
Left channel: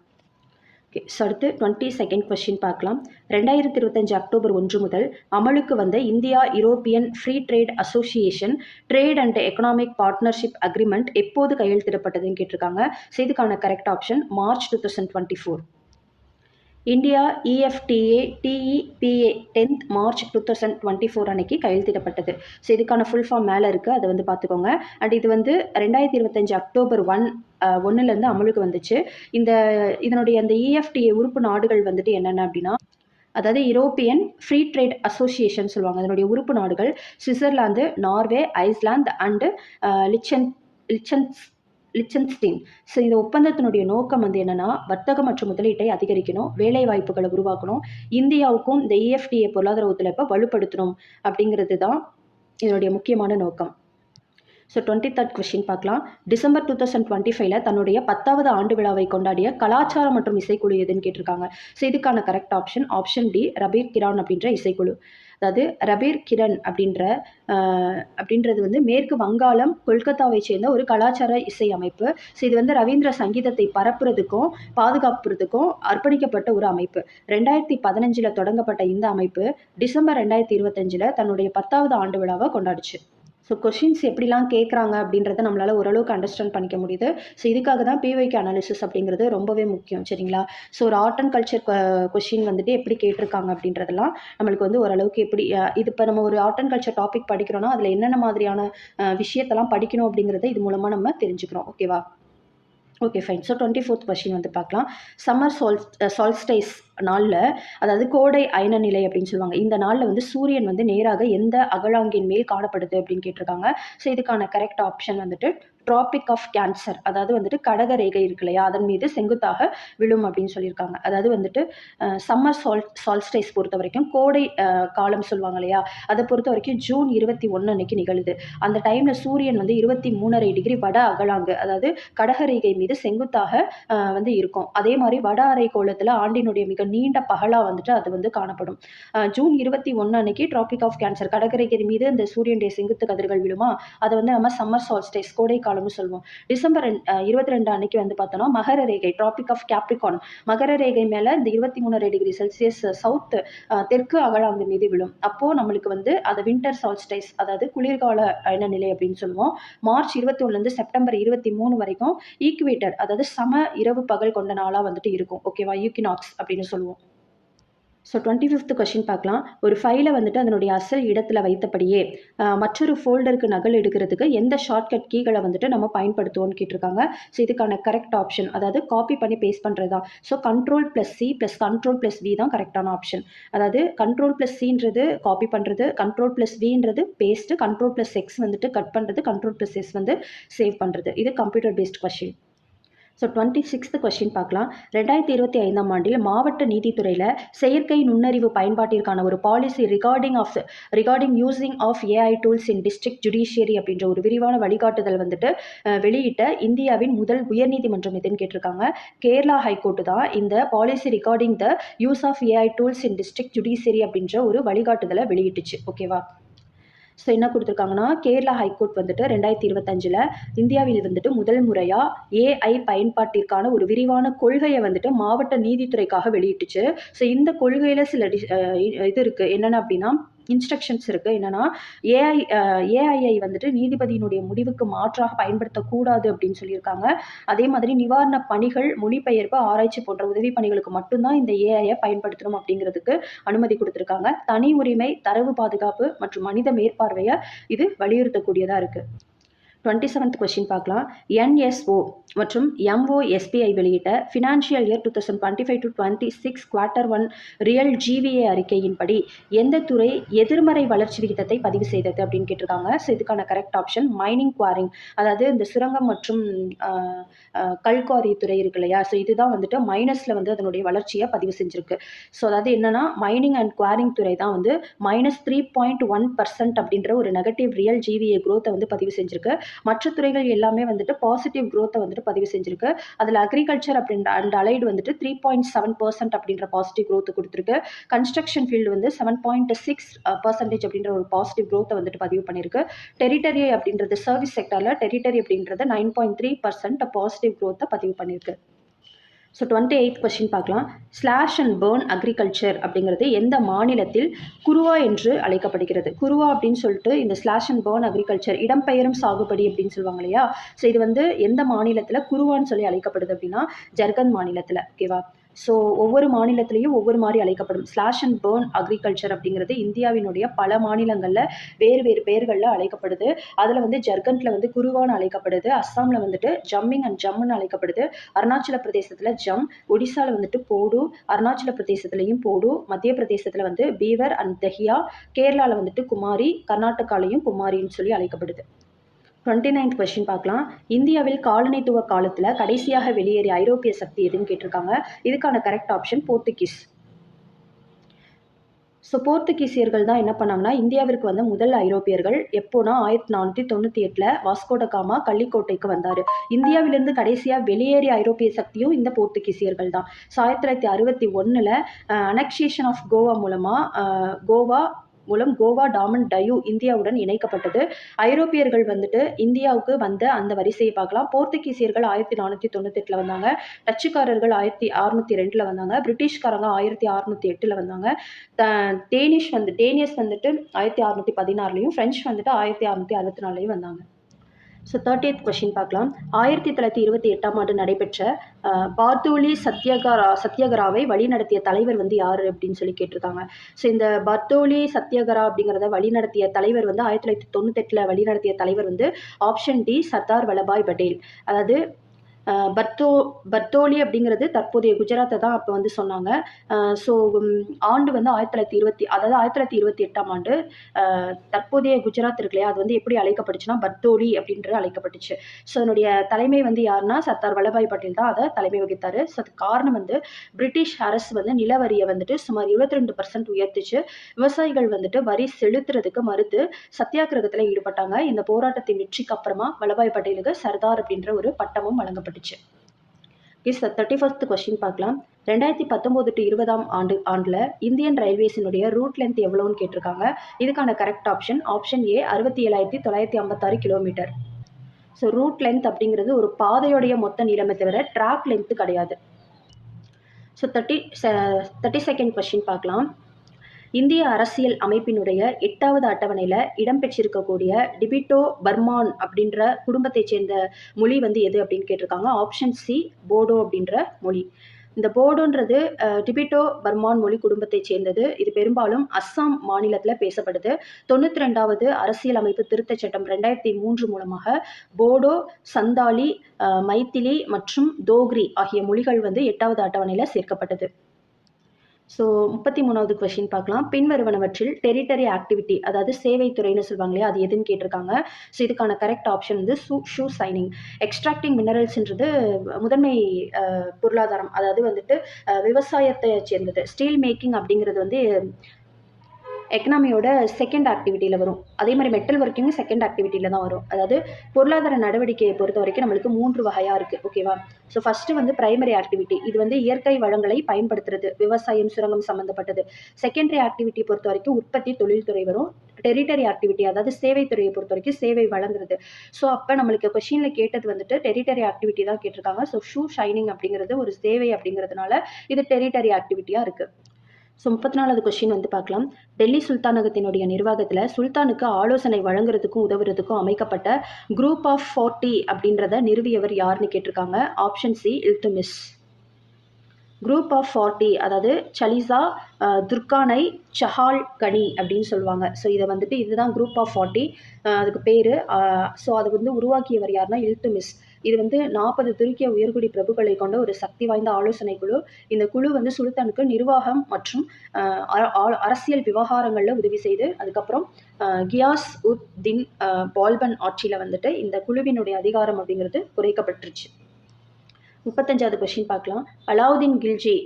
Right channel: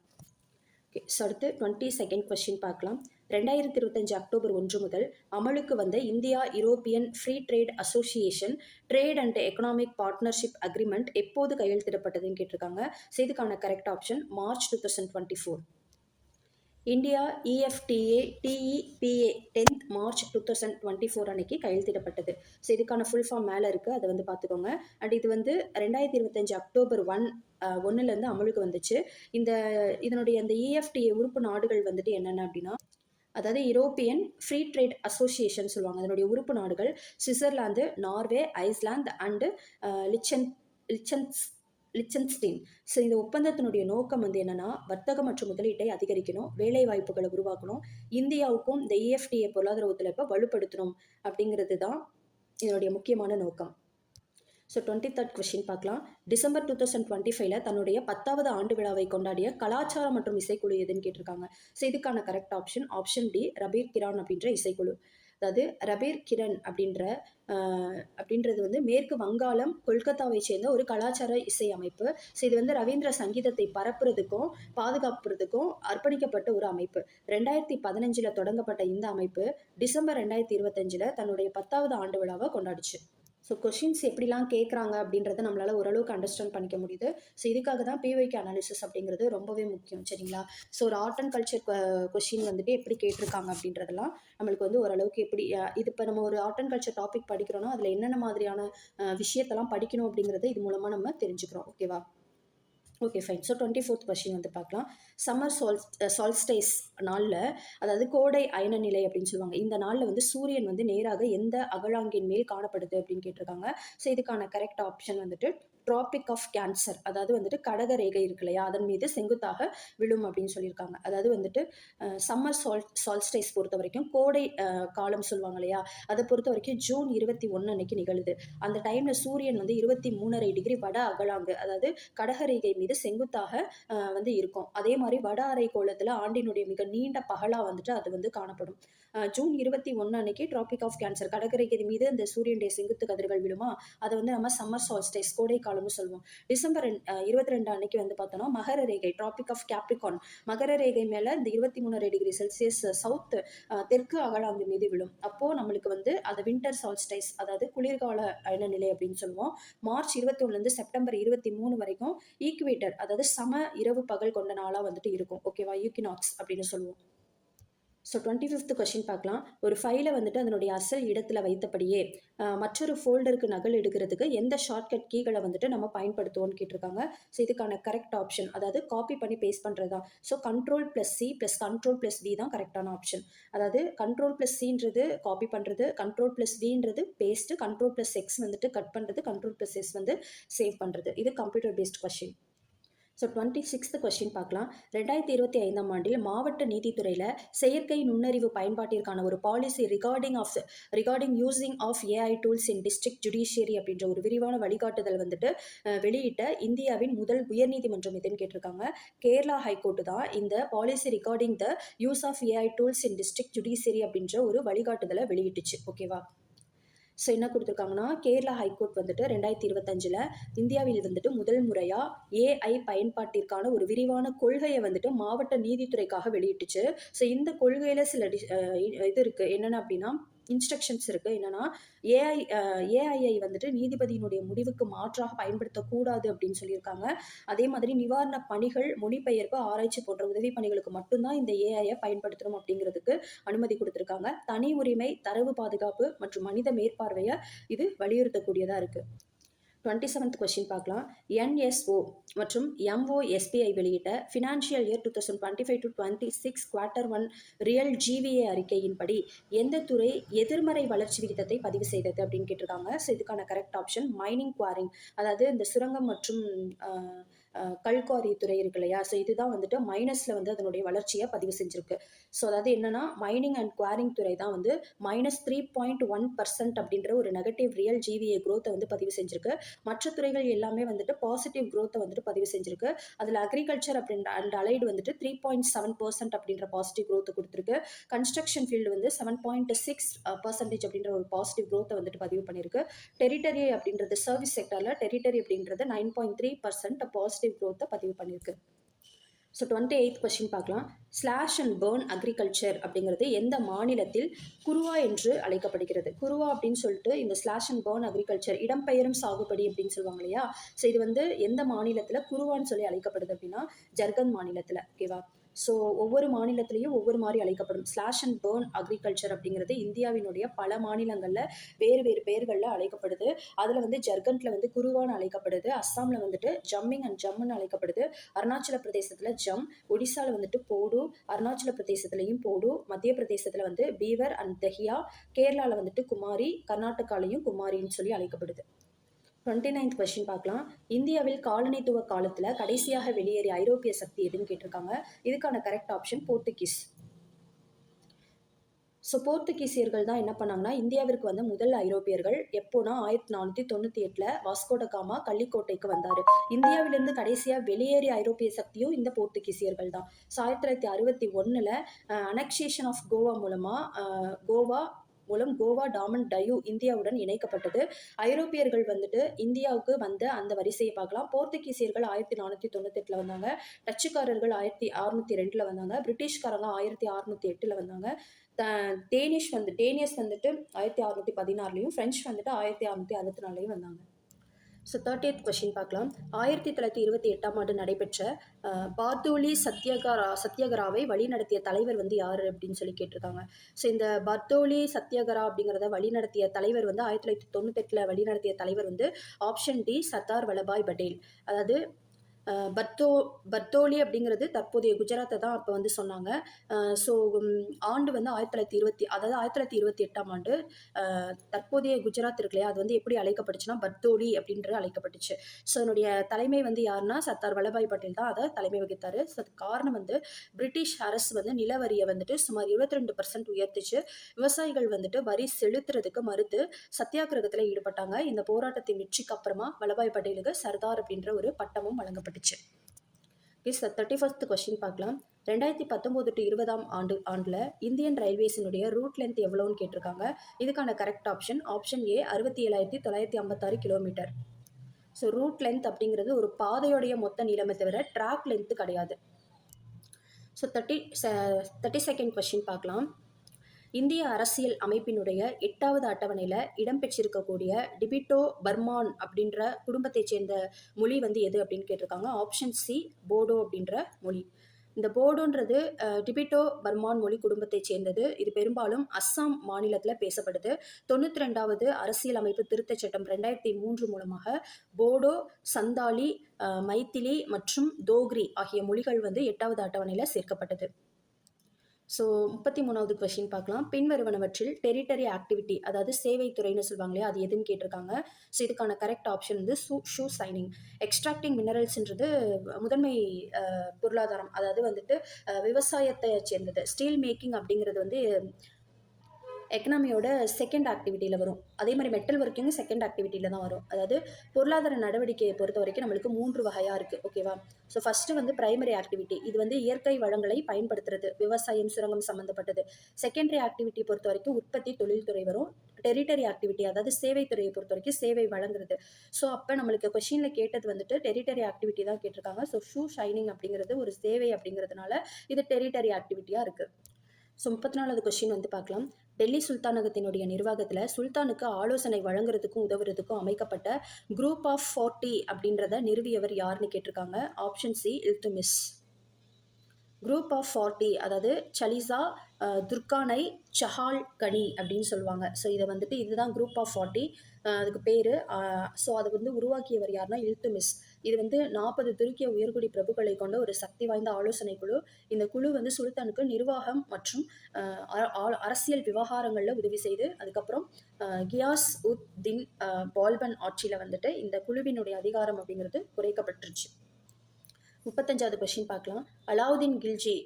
ஓகே, ஸோ அடுத்து 22nd கொஸ்டின் பார்க்கலாம். 2025 அக்டோபர் 1 முதல் அமலுக்கு வந்த India European free trade association trade and economic partnership agreement எப்போது கையெழுத்திடப்பட்டதுன்னு கேட்டிருக்காங்க. ஸோ இதுக்கான correct option March 2024. India EFTA TEPA 10th March 2024 அன்னைக்கு கையெழுத்திடப்பட்டது. ஸோ இதுக்கான ஃபுல் ஃபார்ம் மேலே இருக்குது, அதை வந்து பார்த்துக்கோங்க. அண்ட் இது வந்து 2025 அக்டோபர் 1 அமலுக்கு வந்துச்சு. இதனுடைய அந்த இஎஃப்டிஏ உறுப்பு நாடுகள் வந்துட்டு என்னென்ன அப்படின்னா, அதாவது யூரோப்பியன் ஃப்ரீ ட்ரேட் அசோசியேஷன் சொல்லுவாங்க. அதனுடைய உறுப்பு நாடுகள் Switzerland, Norway, Iceland and லிச்சன்ஸ்டீன். So இந்த ஒப்பந்தத்தினுடைய நோக்கம் வந்து என்னன்னா, வர்த்தகம் மற்றும் முதலீட்டை அதிகரிக்கணும், வேலை வாய்ப்புகளை உருவாக்கணும், இந்தியாவுக்கும் இந்த இஎஃப்டிஏ பொருளாதார ஒத்துழைப்பை வலுப்படுத்தணும் அப்படிங்கிறது தான் இதனுடைய முக்கியமான நோக்கம். ஸோ 23rd கொஸ்டின் பார்க்கலாம். டிசம்பர் 2025 தன்னுடைய 10வது ஆண்டு விழாவை கொண்டாடிய கலாச்சாரம் மற்றும் இசைக்குழு எதுன்னு கேட்டிருக்காங்க. ஸோ இதுக்கான கரெக்ட் ஆப்ஷன் ஆப்ஷன் டி ரபீர் கிரான் அப்படின்ற இசைக்குழு. அதாவது ரபீர் கிரண் அப்படின்றது வந்து மேற்கு வங்காளம், கொல்கத்தாவை சேர்ந்த ஒரு கலாச்சார இசை அமைப்பு. ஸோ இது வந்து ரவீந்திர சங்கீதத்தை பரப்புறதுக்கும் பாதுகாப்புறதுக்கும் அர்ப்பணிக்கப்பட்ட ஒரு அமைப்பு. 2015 தொடங்கப்பட்ட இந்த அமைப்பு டிசம்பர் 2025 தன்னுடைய 10வது ஆண்டு விழாவை கொண்டாடுச்சு. ஸோ கொஷின்ஸ் எப்படிலாம் கேட்குறாங்க அப்படின்றத நம்மளால் ஓரளவுக்கு அண்டர்ஸ்டாண்ட் பண்ணிக்க முடியுது. ஸோ இதுக்காக தான் பிவைக்கு அனாலிசிஸ் அப்படிங்கிறது ரொம்பவே முக்கியம், சரிங்களா? ஸோ ஒரு ஆர்ட் அண்ட் கல்ச்சர் கொஷின் வந்துட்டு எப்படி கேட்டிருக்காங்க அப்படின்றதெல்லாம் நம்மளுக்கு வந்து ஓரளவுக்கு எப்படி இது இப்போ நம்ம ஒரு ஆர்ட் அண்ட் கல்ச்சர் டாபிக் படிக்கிறோன்னா அதில் என்னென்ன மாதிரியான விஷயத்தெல்லாம் படிக்கணும் அப்படிங்கிறத இது மூலமாக நம்ம தெரிஞ்சுக்கிறோம். ஓகேவா? Okay, fine. So 24th question வந்து பார்க்கலாம். சம்மர் சால்ஸ்டைஸ் நாளில், அதாவது கோடை அயன நிலை அப்படின்னு சொல்லுவாங்க, இந்த நாளில் வந்து சூரியன் வந்து நேராக எந்த அகலாங்கின் மேல் காணப்படுது அப்படின்னு கேட்டிருக்காங்க. ஸோ இதுக்கான கரெக்ட் ஆப்ஷன் வந்துட்டு ட்ராபிக் ஆஃப் கேன்சர், அதாவது வந்துட்டு கடக ரேகை இருக்கு இல்லையா, அதன் மீது செங்குத்தாக விழும் அப்படின்னு சொல்லியிருக்காங்க. அதாவது வந்துட்டு சம்மர் சால்ஸ்டைஸ் பொறுத்த வரைக்கும் கோடை காலம் சொல்லுவாங்க இல்லையா, அதை பொறுத்த வரைக்கும் ஜூன் 21 அன்னைக்கு நிகழுது. அந்த டைமில் சூரியன் வந்து 23.5 டிகிரி வட அகலாங்கு, அதாவது கடகரேகை மீது செங்குத்தாக வந்து இருக்கும். அதே மாதிரி வட அரைக்கோளத்தில் ஆண்டினுடைய மிக நீண்ட பகலாக வந்துட்டு அது வந்து காணப்படும். ஜூன் 21 அன்னைக்கு ட்ராபிக் ஆஃப் கேன்சர், கடகரேகை மீது அந்த சூரியனுடைய செங்குத்து கதிர்கள் விழுமா, அதை வந்து நம்ம சம்மர் சால்ஸ்டைஸ் கோடை காலம்னு சொல்லுவோம். டிசம்பர் 22 அன்னைக்கு வந்து பார்த்தோம்னா மகர ரேகை, ட்ராபிக் ஆஃப் கேப்ரிகான், மகர ரேகை மேலே இந்த 23.5 டிகிரி செல்சியஸ் சவுத் தெற்கு அகலாங்கு மீது விழும். அப்போது நம்மளுக்கு வந்து அதை வின்டர் சால்ஸ்டைஸ், அதாவது குளிர்கால அயன நிலை அப்படின்னு சொல்லுவோம். மார்ச் 21 செப்டம்பர் 23 வரைக்கும் ஈக்குவேட்டர், அதாவது சம இரவு பகல் கொண்ட நாளாக வந்துட்டு இருக்கும். ஓகேவா? ஈக்வினாக்ஸ் அப்படின்னு சொல்லுவோம். ஸோ 25th கொஸ்டின் பார்க்கலாம். ஒரு ஃபைலை வந்துட்டு அதனுடைய அசல் இடத்துல வைத்தபடியே மற்றொரு ஃபோல்டருக்கு நகல் எடுக்கிறதுக்கு எந்த ஷார்ட்கட் கீகளை வந்துட்டு நம்ம பயன்படுத்துவோம்னு கேட்டிருக்காங்க. ஸோ இதுக்கான கரெக்ட் ஆப்ஷன், அதாவது காப்பி பண்ணி பேஸ்ட் பண்ணுறது தான். ஸோ Ctrl+C + Ctrl+V தான் கரெக்டான ஆப்ஷன். அதாவது Ctrl+Cன்றது காப்பி பண்ணுறது, Ctrl+Vன்றது பேஸ்ட்டு, Ctrl+X வந்துட்டு கட் பண்ணுறது, Ctrl+S வந்து சேவ் பண்ணுறது. இது computer based question. So 26th question பார்க்கலாம். 2025 ஆண்டில் மாவட்ட நீதித்துறையில் செயற்கை நுண்ணறிவு பயன்பாட்டிற்கான ஒரு policy regarding using of AI tools in district judiciary அப்படின்ற ஒரு விரிவான வழிகாட்டுதல் வந்துட்டு வெளியிட்ட இந்தியாவின் முதல் உயர்நீதிமன்றம் எதுன்னு கேட்டிருக்காங்க. கேரளா ஹைகோர்ட்டு தான் இந்த policy regarding the use of AI tools in district judiciary அப்படின்ற ஒரு வழிகாட்டுதலை வெளியிட்டுச்சு. ஓகேவா? ஸோ என்ன கொடுத்துருக்காங்கன்னா, கேரளா ஹைகோர்ட் வந்துட்டு 2025 இந்தியாவில் வந்துட்டு முதல் முறையாக ஏஐ பயன்பாட்டிற்கான ஒரு விரிவான கொள்கையை வந்துட்டு மாவட்ட நீதித்துறைக்காக வெளியிட்டுச்சு. ஸோ இந்த கொள்கையில் சில இது இருக்குது. என்னென்ன அப்படின்னா, இன்ஸ்ட்ரக்ஷன்ஸ் இருக்குது. என்னென்னா ஏஐஐ வந்துட்டு நீதிபதியினுடைய முடிவுக்கு மாற்றாக பயன்படுத்தக்கூடாது அப்படின்னு சொல்லியிருக்காங்க. அதே மாதிரி நிவாரண பணிகள், மொழிபெயர்ப்பு, ஆராய்ச்சி போன்ற உதவி பணிகளுக்கு மட்டும்தான் இந்த ஏஐயை பயன்படுத்தணும் அப்படிங்கிறதுக்கு அனுமதி கொடுத்துருக்காங்க. தனி உரிமை, தரவு பாதுகாப்பு மற்றும் மனித மேற்பார்வையை இது வலியுறுத்தக்கூடியதாக இருக்குது. 27th கொஸ்டின் பார்க்கலாம். என்எஸ்ஓ மற்றும் எம்ஓஎஸ்பிஐ வெளியிட்ட financial year 2025-26 Q1 real GVA அறிக்கையின்படி எந்த துறை எதிர்மறை வளர்ச்சி விகிதத்தை பதிவு செய்தது அப்படின்னு கேட்டிருக்காங்க. ஸோ இதுக்கான கரெக்ட் ஆப்ஷன் மைனிங் குவாரிங், அதாவது இந்த சுரங்கம் மற்றும் கல்குவாரி துறை இருக்கு இல்லையா, ஸோ இதுதான் வந்துட்டு மைனஸில் வந்து அதனுடைய வளர்ச்சியை பதிவு செஞ்சுருக்கு. ஸோ அதாவது என்னன்னா மைனிங் அண்ட் குவாரிங் துறை தான் வந்து -3.1% அப்படின்ற ஒரு நெகட்டிவ் ரியல் ஜிவிஏ growth வந்து பதிவு செஞ்சிருக்கு. மற்ற துறைகள் எல்லாமே வந்துட்டு பாசிட்டிவ் growth வந்துட்டு பதிவு செஞ்சிருக்கு. அதில் அக்ரிகல்ச்சர் அப்படின்ற அண்ட் அலைடு வந்துட்டு 3.7% அப்படின்ற பாசிட்டிவ் growth கொடுத்துருக்கு. கன்ஸ்ட்ரக்ஷன் ஃபீல்டு வந்து 7.6% அப்படின்ற ஒரு பாசிட்டிவ் growth வந்துட்டு பதிவு பண்ணியிருக்கு. டெரிட்டரி அப்படின்றது சர்வீஸ் செக்டரில் டெரிட்டரி அப்படின்றது 9.3% பாசிட்டிவ் growth பதிவு பண்ணியிருக்கு. ஸோ 28th கொஸ்டின் பார்க்கலாம். ஸ்லாஷ் அண்ட் பேர்ன் அக்ரிகல்ச்சர் அப்படிங்கிறது எந்த மாநிலத்தில் குருவா என்று அழைக்கப்படுகிறது? குருவா அப்படின்னு சொல்லிட்டு இந்த ஸ்லாஷ் அண்ட் பேர்ன் அக்ரிகல்ச்சர் இடம்பெயரும் சாகுபடி அப்படின்னு சொல்லுவாங்க இல்லையா, ஸோ இது வந்து எந்த மாநிலத்தில் குருவான்னு சொல்லி அழைக்கப்படுது அப்படின்னா ஜர்கண்ட் மாநிலத்தில். ஓகேவா? ஸோ ஒவ்வொரு மாநிலத்திலையும் ஒவ்வொரு மாதிரி அழைக்கப்படும். ஸ்லாஷ் அண்ட் பேர்ன் அக்ரிகல்ச்சர் அப்படிங்கிறது இந்தியாவினுடைய பல மாநிலங்களில் வேறு வேறு பெயர்களில் அழைக்கப்படுது. அதில் வந்து ஜர்கண்டில் வந்து குருவான்னு அழைக்கப்படுது, அஸ்ஸாமில் வந்துட்டு ஜம்மிங் அண்ட் ஜம்முன்னு அழைக்கப்படுது, அருணாச்சல பிரதேசத்தில் ஜம், ஒடிசாவில் வந்துட்டு போடு, அருணாச்சல பிரதேசத்துலையும் போடு, மத்திய பிரதேசத்தில் வந்து பீவர் அண்ட் தஹியா, கேரளாவில் வந்துட்டு குமாரி, கர்நாடகாலையும் குமாரின்னு சொல்லி அழைக்கப்படுது. 29th கொஸ்டின் பார்க்கலாம். இந்தியாவில் காலனித்துவ காலத்தில் கடைசியாக வெளியேறிய ஐரோப்பிய சக்தி எதுன்னு கேட்டிருக்காங்க. இதுக்கான கரெக்ட் ஆப்ஷன் போர்த்துகீஸ். ஸோ போர்த்துகீசியர்கள் தான் என்ன பண்ணாங்கன்னா இந்தியாவிற்கு வந்த முதல் ஐரோப்பியர்கள். எப்போனா 1498 வாஸ்கோடகாமா கள்ளிக்கோட்டைக்கு வந்தார். இந்தியாவிலிருந்து கடைசியாக வெளியேறிய ஐரோப்பிய சக்தியும் இந்த போர்த்துகீசியர்கள் தான். 1961 அனெக்ஷேஷன் ஆஃப் கோவா மூலம் கோவா டாமன் டயூ இந்தியாவுடன் இணைக்கப்பட்டது. ஐரோப்பியர்கள் வந்துட்டு இந்தியாவுக்கு வந்த அந்த வரிசையை பார்க்கலாம். போர்த்துகீசியர்கள் 1498 வந்தாங்க, டச்சுக்காரர்கள் 1602 வந்தாங்க, பிரிட்டிஷ்காரங்க 1608 வந்தாங்க, டேனியஸ் வந்துட்டு 1616 ஃப்ரெஞ்சு வந்துட்டு 1664 வந்தாங்க. ஸோ 30th கொஸ்டின் பார்க்கலாம். 1928 நடைபெற்ற பார்த்தோலி சத்யாகிராவை வழிநடத்திய தலைவர் வந்து யார் அப்படின்னு சொல்லி கேட்டிருக்காங்க. ஸோ இந்த பார்த்தோலி சத்யாகிரா அப்படிங்கிறத வழிநடத்திய தலைவர் வந்து 1998 வழிநடத்திய தலைவர் வந்து ஆப்ஷன் டி சர்தார் வல்லபாய் பட்டேல். அதாவது பர்தோலி அப்படிங்கிறது தற்போதைய குஜராத்தை தான் அப்போ வந்து சொன்னாங்க. ஸோ ஆண்டு வந்து 1928 ஆண்டு தற்போதைய குஜராத் இருக்கு இல்லையா, அது வந்து எப்படி அழைக்கப்பட்டுச்சுன்னா பர்தோலி அப்படின்றது அழைக்கப்பட்டுச்சு. ஸோ அதனுடைய தலைமை வந்து யாருன்னா சர்தார் வல்லபாய் பட்டேல் தான் அதை தலைமை வகித்தார். ஸோ அதுக்கு காரணம் வந்து பிரிட்டிஷ் அரசு வந்து நிலவரியை வந்துட்டு சுமார் 22% உயர்த்துச்சு. விவசாயிகள் வந்துட்டு வரி செலுத்துறதுக்கு மறுத்து சத்தியாகிரகத்தில் ஈடுபட்டாங்க. இந்த போராட்டத்தின் வெற்றிக்கு அப்புறமா வல்லபாய் பட்டேலுக்கு சர்தார் அப்படின்ற ஒரு பட்டமும் வழங்கப்பட்டுச்சு. 31st கொஸ்டின் பார்க்கலாம். 2019-20 ஆண்டில் இந்தியன் ரயில்வேஸினுடைய ரூட் லென்த் எவ்வளோன்னு கேட்டிருக்காங்க. இதுக்கான correct option A 67,956 kilometre. So route length அப்படிங்கிறது ஒரு பாதையோடைய மொத்த நீளமே தவிர ட்ராக் லென்த்து கிடையாது. ஸோ 32nd கொஸ்டின் பார்க்கலாம். இந்திய அரசியல் அமைப்பினுடைய 8வது அட்டவணையில் இடம்பெற்றிருக்கக்கூடிய டிபிட்டோ பர்மான் அப்படின்ற குடும்பத்தைச் சேர்ந்த மொழி வந்து எது அப்படின்னு கேட்டிருக்காங்க. ஆப்ஷன் சி போடோ அப்படின்ற மொழி. இந்த போடோன்றது டிபிட்டோ பர்மான் மொழி குடும்பத்தைச் சேர்ந்தது. இது பெரும்பாலும் அஸ்ஸாம் மாநிலத்தில் பேசப்படுது. 92வது அரசியல் அமைப்பு திருத்தச் சட்டம் 2003 மூலமாக போடோ, சந்தாலி, மைத்திலி மற்றும் தோக்ரி ஆகிய மொழிகள் வந்து 8வது அட்டவணையில் சேர்க்கப்பட்டது. ஸோ 33வது கொஸ்டின் பார்க்கலாம். பின்வருவனவற்றில் டெரிட்டரி ஆக்டிவிட்டி, அதாவது சேவைத்துறைன்னு சொல்லுவாங்க இல்லையா, அது எதுன்னு கேட்டிருக்காங்க. ஸோ இதுக்கான கரெக்ட் ஆப்ஷன் வந்து ஷூ சைனிங். எக்ஸ்ட்ராக்டிங் மினரல்ஸ்ன்றது முதன்மை பொருளாதாரம், அதாவது வந்துட்டு விவசாயத்தை சேர்ந்தது. ஸ்டீல் மேக்கிங் அப்படிங்கிறது வந்து எக்கனாமியோட செகண்ட் ஆக்டிவிட்டியில் வரும். அதே மாதிரி மெட்டல் ஒர்க்கிங்கும் செகண்ட் ஆக்டிவிட்டியில் தான் வரும். அதாவது பொருளாதார நடவடிக்கையை பொறுத்த வரைக்கும் நம்மளுக்கு 3 வகையாக இருக்குது. ஓகேவா? ஸோ ஃபஸ்ட்டு வந்து பிரைமரி ஆக்டிவிட்டி, இது வந்து இயற்கை வளங்களை பயன்படுத்துறது, விவசாயம், சுரங்கம் சம்மந்தப்பட்டது. செகண்டரி ஆக்டிவிட்டி பொறுத்த வரைக்கும் உற்பத்தி, தொழில்துறை வரும். டெரிட்டரி ஆக்டிவிட்டி, அதாவது சேவைத்துறையை பொறுத்த வரைக்கும் சேவை வழங்குறது. ஸோ அப்போ நம்மளுக்கு கொஷினில் கேட்டது வந்துட்டு டெரிட்டரி ஆக்டிவிட்டி தான் கேட்டிருக்காங்க. ஸோ ஷூ ஷைனிங் அப்படிங்கிறது ஒரு சேவை அப்படிங்கிறதுனால இது டெரிட்டரி ஆக்டிவிட்டியாக இருக்குது. ஸோ 34வது கொஸ்டின் வந்து பார்க்கலாம். டெல்லி சுல்தானகத்தினுடைய நிர்வாகத்தில் சுல்தானுக்கு ஆலோசனை வழங்குறதுக்கும் உதவுறதுக்கும் அமைக்கப்பட்ட குரூப் ஆஃப் 40 அப்படின்றத நிறுவியவர் யாருன்னு கேட்டிருக்காங்க. Option C Iltutmish. Group of 40 அதாவது சலிசா, துர்கானை, சஹால் கனி அப்படின்னு சொல்லுவாங்க. ஸோ இதை வந்துட்டு இதுதான் குரூப் ஆஃப் 40. அதுக்கு பேர். ஸோ அதை வந்து உருவாக்கியவர் யாருன்னா இல்துமிஸ். இது வந்து 40 துருக்கிய உயர்குடி பிரபுக்களை கொண்ட ஒரு சக்தி வாய்ந்த ஆலோசனை குழு. இந்த குழு வந்து சுல்தானுக்கு நிர்வாகம் மற்றும் அரசியல் விவகாரங்களில் உதவி செய்து அதுக்கப்புறம் கியாஸ் உத் தின் பால்பன் ஆட்சியில் வந்துட்டு இந்த குழுவினுடைய அதிகாரம் அப்படிங்கிறது குறைக்கப்பட்டுருச்சு. 35வது கொஸ்டின் பார்க்கலாம். அலாவுதீன் கில்ஜி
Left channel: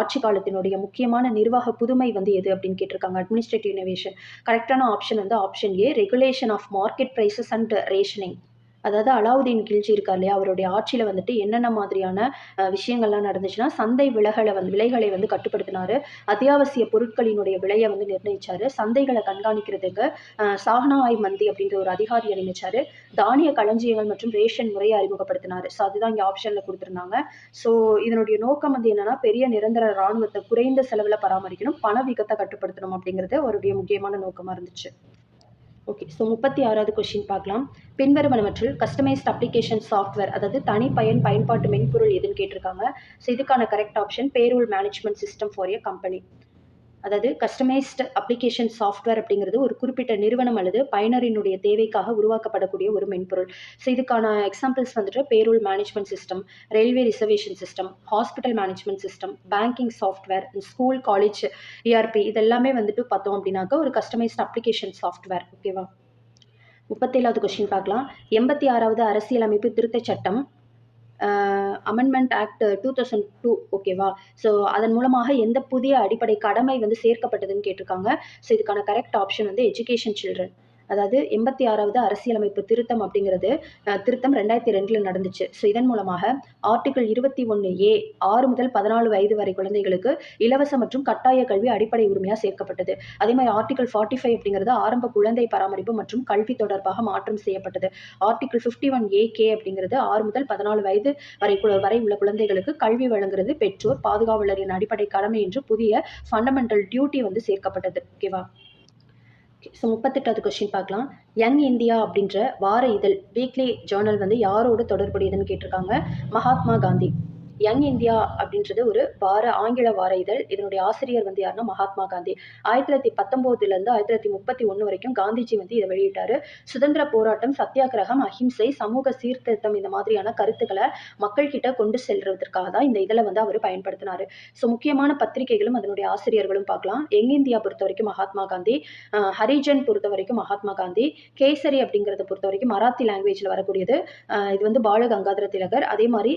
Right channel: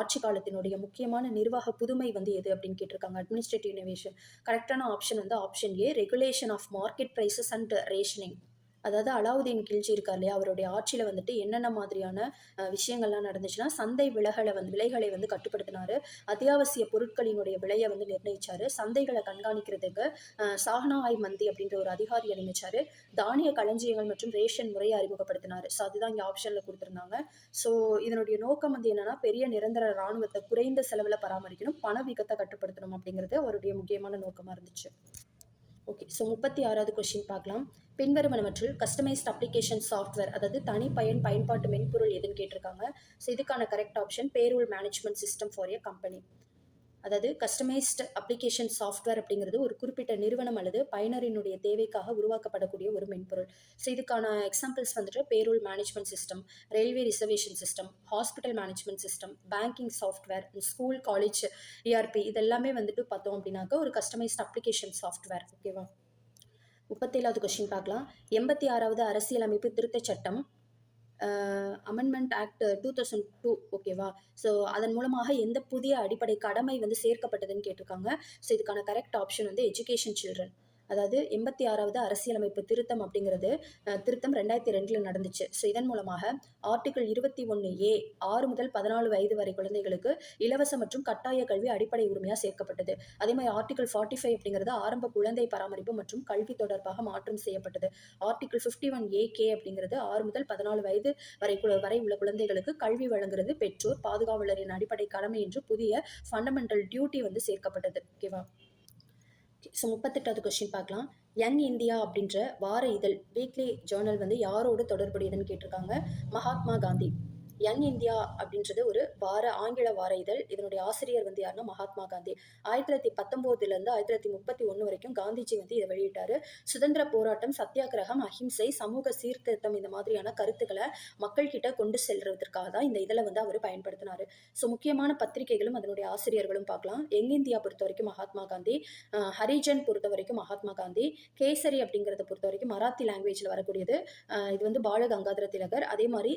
ஆட்சி காலத்தினுடைய முக்கியமான நிர்வாக புதுமை வந்து எது அப்படின்னு கேட்டிருக்காங்க. Administrative innovation. கரெக்டான ஆப்ஷன் வந்து option A, regulation of market prices and rationing. அதாவது அலாவுதீன் கில்ஜி இருக்கார் இல்லையா, அவருடைய ஆட்சியில் வந்துட்டு என்னென்ன மாதிரியான விஷயங்கள்லாம் நடந்துச்சுன்னா, சந்தை விலைகளை வந்து கட்டுப்படுத்தினார். அத்தியாவசிய பொருட்களினுடைய விலையை வந்து நிர்ணயிச்சார். சந்தைகளை கண்காணிக்கிறதுக்கு சாஹ்னாய் மந்தி அப்படின்ற ஒரு அதிகாரியை நியமிச்சார். தானிய களஞ்சியங்கள் மற்றும் ரேஷன் முறையை அறிமுகப்படுத்தினார். ஸோ அதுதான் இங்கே ஆப்ஷனில் கொடுத்துருந்தாங்க. ஸோ இதனுடைய நோக்கம் வந்து என்னென்னா, பெரிய நிரந்தர இராணுவத்தை குறைந்த செலவில் பராமரிக்கணும், பணவீக்கத்தை கட்டுப்படுத்தணும் அப்படிங்கிறது அவருடைய முக்கியமான நோக்கமாக இருந்துச்சு. ஓகே. ஸோ 36வது கொஸ்டின் பார்க்கலாம். பின்வருவனவற்றில் கஸ்டமைஸ்ட் அப்ளிகேஷன் சாஃப்ட்வேர் அதாவது பயன்பாட்டு மென்பொருள் எதுன்னு கேட்டிருக்காங்க. ஸோ இதுக்கான correct option payroll management system for a company. அதாவது கஸ்டமைஸ்டு அப்ளிகேஷன் சாஃப்ட்வேர் அப்படிங்கிறது ஒரு குறிப்பிட்ட நிறுவனம் அல்லது பயனரினுடைய தேவைக்காக உருவாக்கப்படக்கூடிய ஒரு மென்பொருள். ஸோ இதுக்கான எக்ஸாம்பிள்ஸ் வந்துட்டு payroll management system, railway reservation system, hospital management system, banking software, school, college ERP இதெல்லாமே வந்துட்டு பார்த்தோம் அப்படின்னாக்கா ஒரு கஸ்டமைஸ்டு அப்ளிகேஷன் சாஃப்ட்வேர். ஓகேவா. 37வது கொஸ்டின் பார்க்கலாம். 86வது அரசியலமைப்பு திருத்தச் சட்டம் அமெண்ட்மெண்ட் ஆக்ட் 2002 ஓகேவா. ஸோ அதன் மூலமாக எந்த புதிய அடிப்படை கடமை வந்து சேர்க்கப்பட்டதுன்னு கேட்டிருக்காங்க. ஸோ இதுக்கான கரெக்ட் ஆப்ஷன் வந்து எஜுகேஷன் சில்ட்ரன். அதாவது 86வது அரசியலமைப்பு திருத்தம் அப்படிங்கிறது திருத்தம் 2002 நடந்துச்சு. ஸோ இதன் மூலமாக ஆர்டிகிள் 21A 6 முதல் 14 வயது வரை குழந்தைகளுக்கு இலவச மற்றும் கட்டாய கல்வி அடிப்படை உரிமையாக சேர்க்கப்பட்டது. அதே மாதிரி ஆர்டிகிள் 45 அப்படிங்கிறது ஆரம்ப குழந்தை பராமரிப்பு மற்றும் கல்வி தொடர்பாக மாற்றம் செய்யப்பட்டது. ஆர்டிகிள் 51AK அப்படிங்கிறது 6 முதல் 14 வயது வரை உள்ள குழந்தைகளுக்கு கல்வி வழங்குறது பெற்றோர் பாதுகாவலரின் அடிப்படை கடமை என்று புதிய ஃபண்டமெண்டல் டியூட்டி வந்து சேர்க்கப்பட்டது. ஓகேவா. ஸோ 38வது கொஸ்டின் பார்க்கலாம். யங் இந்தியா அப்படின்ற வார இதழ் வீக்லி ஜேர்னல் வந்து யாரோடு தொடர்புடையதுன்னு கேட்டிருக்காங்க. மகாத்மா காந்தி. யங் இந்தியா அப்படின்றது ஒரு ஆங்கில வார இதழ். இதனுடைய ஆசிரியர் வந்து யாருன்னா மகாத்மா காந்தி. 1919 1931 வரைக்கும் காந்திஜி வந்து இதை வெளியிட்டாரு. சுதந்திர போராட்டம், சத்தியாகிரகம், அஹிம்சை, சமூக சீர்திருத்தம் இந்த மாதிரியான கருத்துக்களை மக்கள் கிட்ட கொண்டு செல்றதுக்காக தான் இந்த இதில் வந்து அவர் பயன்படுத்தினாரு. ஸோ முக்கியமான பத்திரிகைகளும் அதனுடைய ஆசிரியர்களும் பார்க்கலாம். யங் இந்தியா பொறுத்த வரைக்கும் மகாத்மா காந்தி, ஹரிஜன் பொறுத்த வரைக்கும் மகாத்மா காந்தி, கேசரி அப்படிங்கிறத பொறுத்த வரைக்கும் மராத்தி லாங்குவேஜில் வரக்கூடியது. இது வந்து பால கங்காதர திலகர். அதே மாதிரி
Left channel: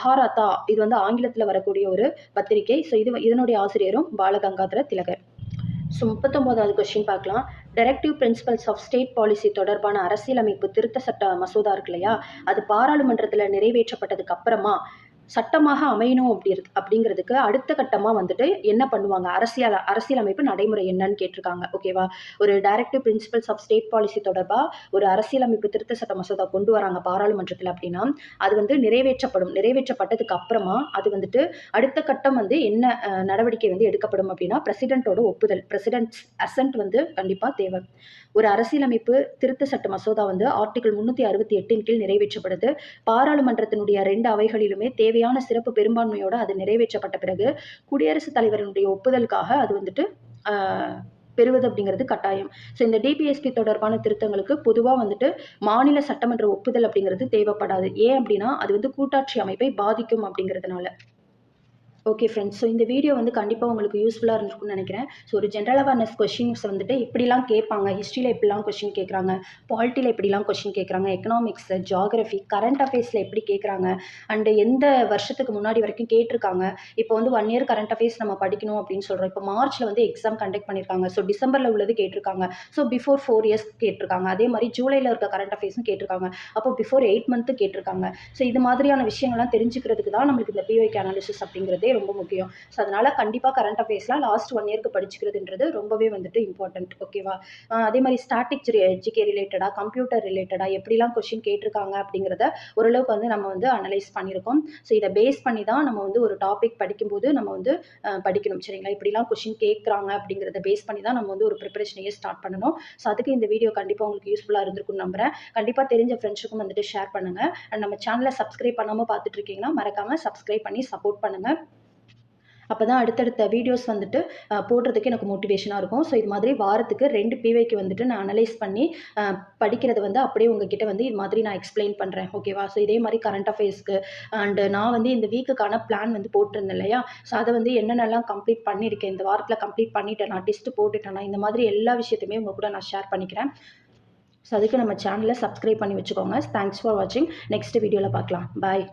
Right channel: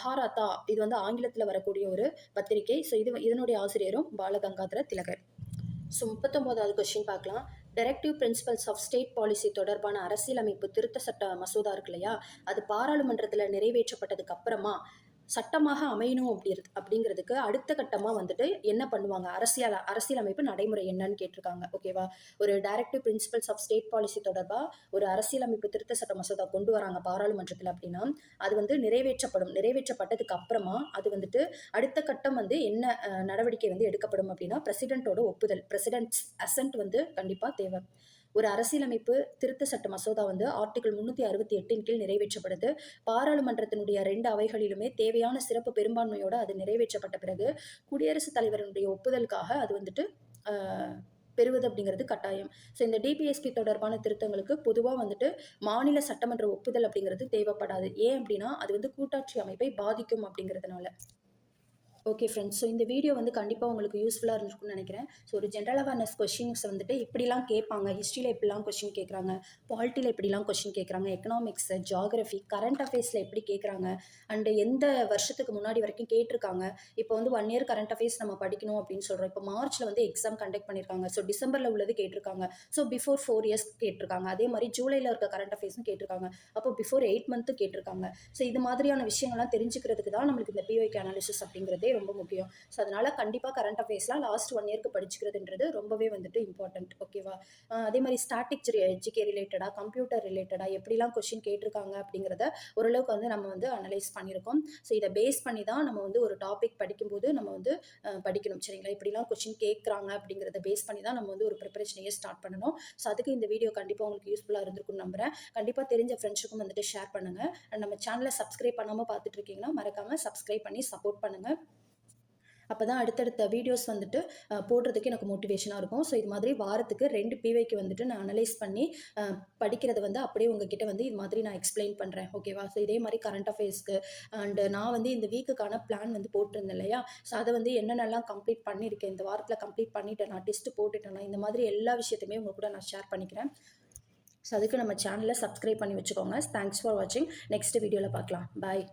மகாராத்தா இது வந்து ஆங்கிலத்தில் வரக்கூடிய ஒரு பத்திரிகை. ஸோ இதனுடைய ஆசிரியரும் பாலகங்காதர திலகர். ஸோ 39வது கொஸ்டின் பார்க்கலாம். Directive principles of state policy தொடர்பான அரசியலமைப்பு திருத்த சட்ட மசோதா இருக்கு இல்லையா, அது பாராளுமன்றத்தில் நிறைவேற்றப்பட்டதுக்கு அப்புறமா சட்டமாக அமையணும் அப்படிங்கிறதுக்கு அடுத்த கட்டமாக வந்துட்டு என்ன பண்ணுவாங்க, அரசியலமைப்பு நடைமுறை என்னன்னு கேட்டிருக்காங்க. ஓகேவா. ஒரு directive principles of state policy தொடர்பாக ஒரு அரசியலமைப்பு திருத்த சட்ட மசோதா கொண்டு வராங்க பாராளுமன்றத்தில் அப்படின்னா அது வந்து நிறைவேற்றப்பட்டதுக்கு அப்புறமா அது வந்துட்டு அடுத்த கட்டம் வந்து என்ன நடவடிக்கை வந்து எடுக்கப்படும் அப்படின்னா பிரசிடென்ட்டோட ஒப்புதல், பிரசிடென்ட்ஸ் அசென்ட் வந்து கண்டிப்பாக தேவை. ஒரு அரசியலமைப்பு திருத்த சட்ட மசோதா வந்து ஆர்டிகிள் 368 கீழ் நிறைவேற்றப்படுது. பாராளுமன்றத்தினுடைய 2 அவைகளிலுமே தேவையான சிறப்பு பெரும்பான்மையோடு அது நிறைவேற்றப்பட்ட பிறகு குடியரசுத் தலைவரினுடைய ஒப்புதலுக்காக அது வந்துட்டு பெறுவது அப்படிங்கிறது கட்டாயம். ஸோ இந்த டிபிஎஸ்பி தொடர்பான திருத்தங்களுக்கு பொதுவாக வந்துட்டு மாநில சட்டமன்ற ஒப்புதல் அப்படிங்கிறது தேவைப்படாது. ஏன் அப்படின்னா அது வந்து கூட்டாட்சி அமைப்பை பாதிக்கும் அப்படிங்கிறதுனால. Okay friends. ஸோ இந்த வீடியோ வந்து கண்டிப்பாக உங்களுக்கு யூஸ்ஃபுல்லாக இருந்திருக்கும்னு நினைக்கிறேன். ஸோ ஒரு ஜென்ரல் அவேர்னஸ் கொஷின்ஸ் வந்துட்டு இப்படிலாம் கேட்பாங்க. ஹிஸ்ட்ரியில் இப்படிலாம் கொஷின் கேட்குறாங்க, பாலிட்டியில் இப்படிலாம் கொஷின் கேட்குறாங்க, எக்கனாமிக்ஸ், ஜியாகிரஃபி, கரண்ட் அஃபேர்ஸில் எப்படி கேட்குறாங்க, அண்டு எந்த வருஷத்துக்கு முன்னாடி வரைக்கும் கேட்டிருக்காங்க. இப்போ வந்து 1 இயர் கரண்ட் அஃபேர்ஸ் நம்ம படிக்கணும் அப்படின்னு சொல்கிறோம். இப்போ மார்ச்சில் வந்து எக்ஸாம் கண்டக்ட் பண்ணியிருக்காங்க. ஸோ டிசம்பரில் உள்ளது கேட்டிருக்காங்க. ஸோ பிஃபோர் 4 இயர்ஸ் கேட்டிருக்காங்க. அதே மாதிரி ஜூலையில் இருக்க கரண்ட் அஃபேர்ஸும் கேட்டிருக்காங்க. அப்போ பிஃபோர் 8 மந்த்து கேட்டிருக்காங்க. ஸோ இது மாதிரியான விஷயங்கள்லாம் தெரிஞ்சுக்கிறதுக்கு தான் நம்மளுக்கு இந்த பிஒய்க்கு அனாலிசிஸ் அப்படிங்கிறது படிக்கிறதே ரொம்ப முக்கியம். ஸோ அதனால் கண்டிப்பாக கரண்ட் அஃபேர்ஸ்லாம் லாஸ்ட் 1 இயர்க்கு படிச்சுக்கிறதுன்றது ரொம்பவே வந்துட்டு இம்பார்ட்டன்ட். ஓகேவா? அதே மாதிரி ஸ்டாட்டிக் ஜிகே ரிலேட்டடாக, கம்ப்யூட்டர் ரிலேட்டடாக எப்படிலாம் கொஷின் கேட்டிருக்காங்க அப்படிங்கிறத ஓரளவுக்கு வந்து நம்ம வந்து அனலைஸ் பண்ணியிருக்கோம். ஸோ இதை பேஸ் பண்ணி தான் நம்ம வந்து ஒரு டாபிக் படிக்கும்போது நம்ம வந்து படிக்கணும். சரிங்களா? இப்படிலாம் கொஷின் கேட்குறாங்க அப்படிங்கிறத பேஸ் பண்ணி தான் நம்ம வந்து ஒரு ப்ரிப்பரேஷனையே ஸ்டார்ட் பண்ணணும். ஸோ அதுக்கு இந்த வீடியோ கண்டிப்பாக உங்களுக்கு யூஸ்ஃபுல்லாக இருந்திருக்கும்னு நம்புறேன். கண்டிப்பாக தெரிஞ்ச ஃப்ரெண்ட்ஸுக்கும் வந்துட்டு ஷேர் பண்ணுங்க. அண்ட் நம்ம சேனலை சப்ஸ்கிரைப் பண்ணாம பார்த்துட்டு இருக்கீங்கன்னா, மறக்காம சப்ஸ்கிரைப் பண்ணி சப்போர்ட் பண்ணுங்க. அப்பதான் அடுத்தடுத்த வீடியோஸ் வந்துட்டு போடுறதுக்கு எனக்கு மோட்டிவேஷனா இருக்கும். ஸோ இது மாதிரி வாரத்துக்கு 2 பிவைக்கு வந்துட்டு நான் அனலைஸ் பண்ணி படிக்கிறது வந்து அப்படியே உங்ககிட்ட வந்து இது மாதிரி நான் எக்ஸ்ப்ளைன் பண்றேன். ஓகேவா? ஸோ இதே மாரி கரண்ட் அஃபேர்ஸ்க்கு அண்ட் நான் வந்து இந்த வீக்குக்கான பிளான் வந்து போட்டிருந்தேன் இல்லையா? ஸோ அத வந்து என்னென்னலாம் கம்ப்ளீட் பண்ணியிருக்கேன், இந்த வாரத்தில கம்ப்ளீட் பண்ணிட்டேனா, டெஸ்ட் போட்டுட்டேனா, இந்த மாதிரி எல்லா விஷயத்தையுமே உங்க கூட நான் ஷேர் பண்ணிக்கிறேன். ஸோ அதுக்கு நம்ம சேனல சப்ஸ்கிரைப் பண்ணி வச்சுக்கோங்க. தேங்க்ஸ் ஃபார் வாட்சிங். நெக்ஸ்ட் வீடியோல பார்க்கலாம். பாய்.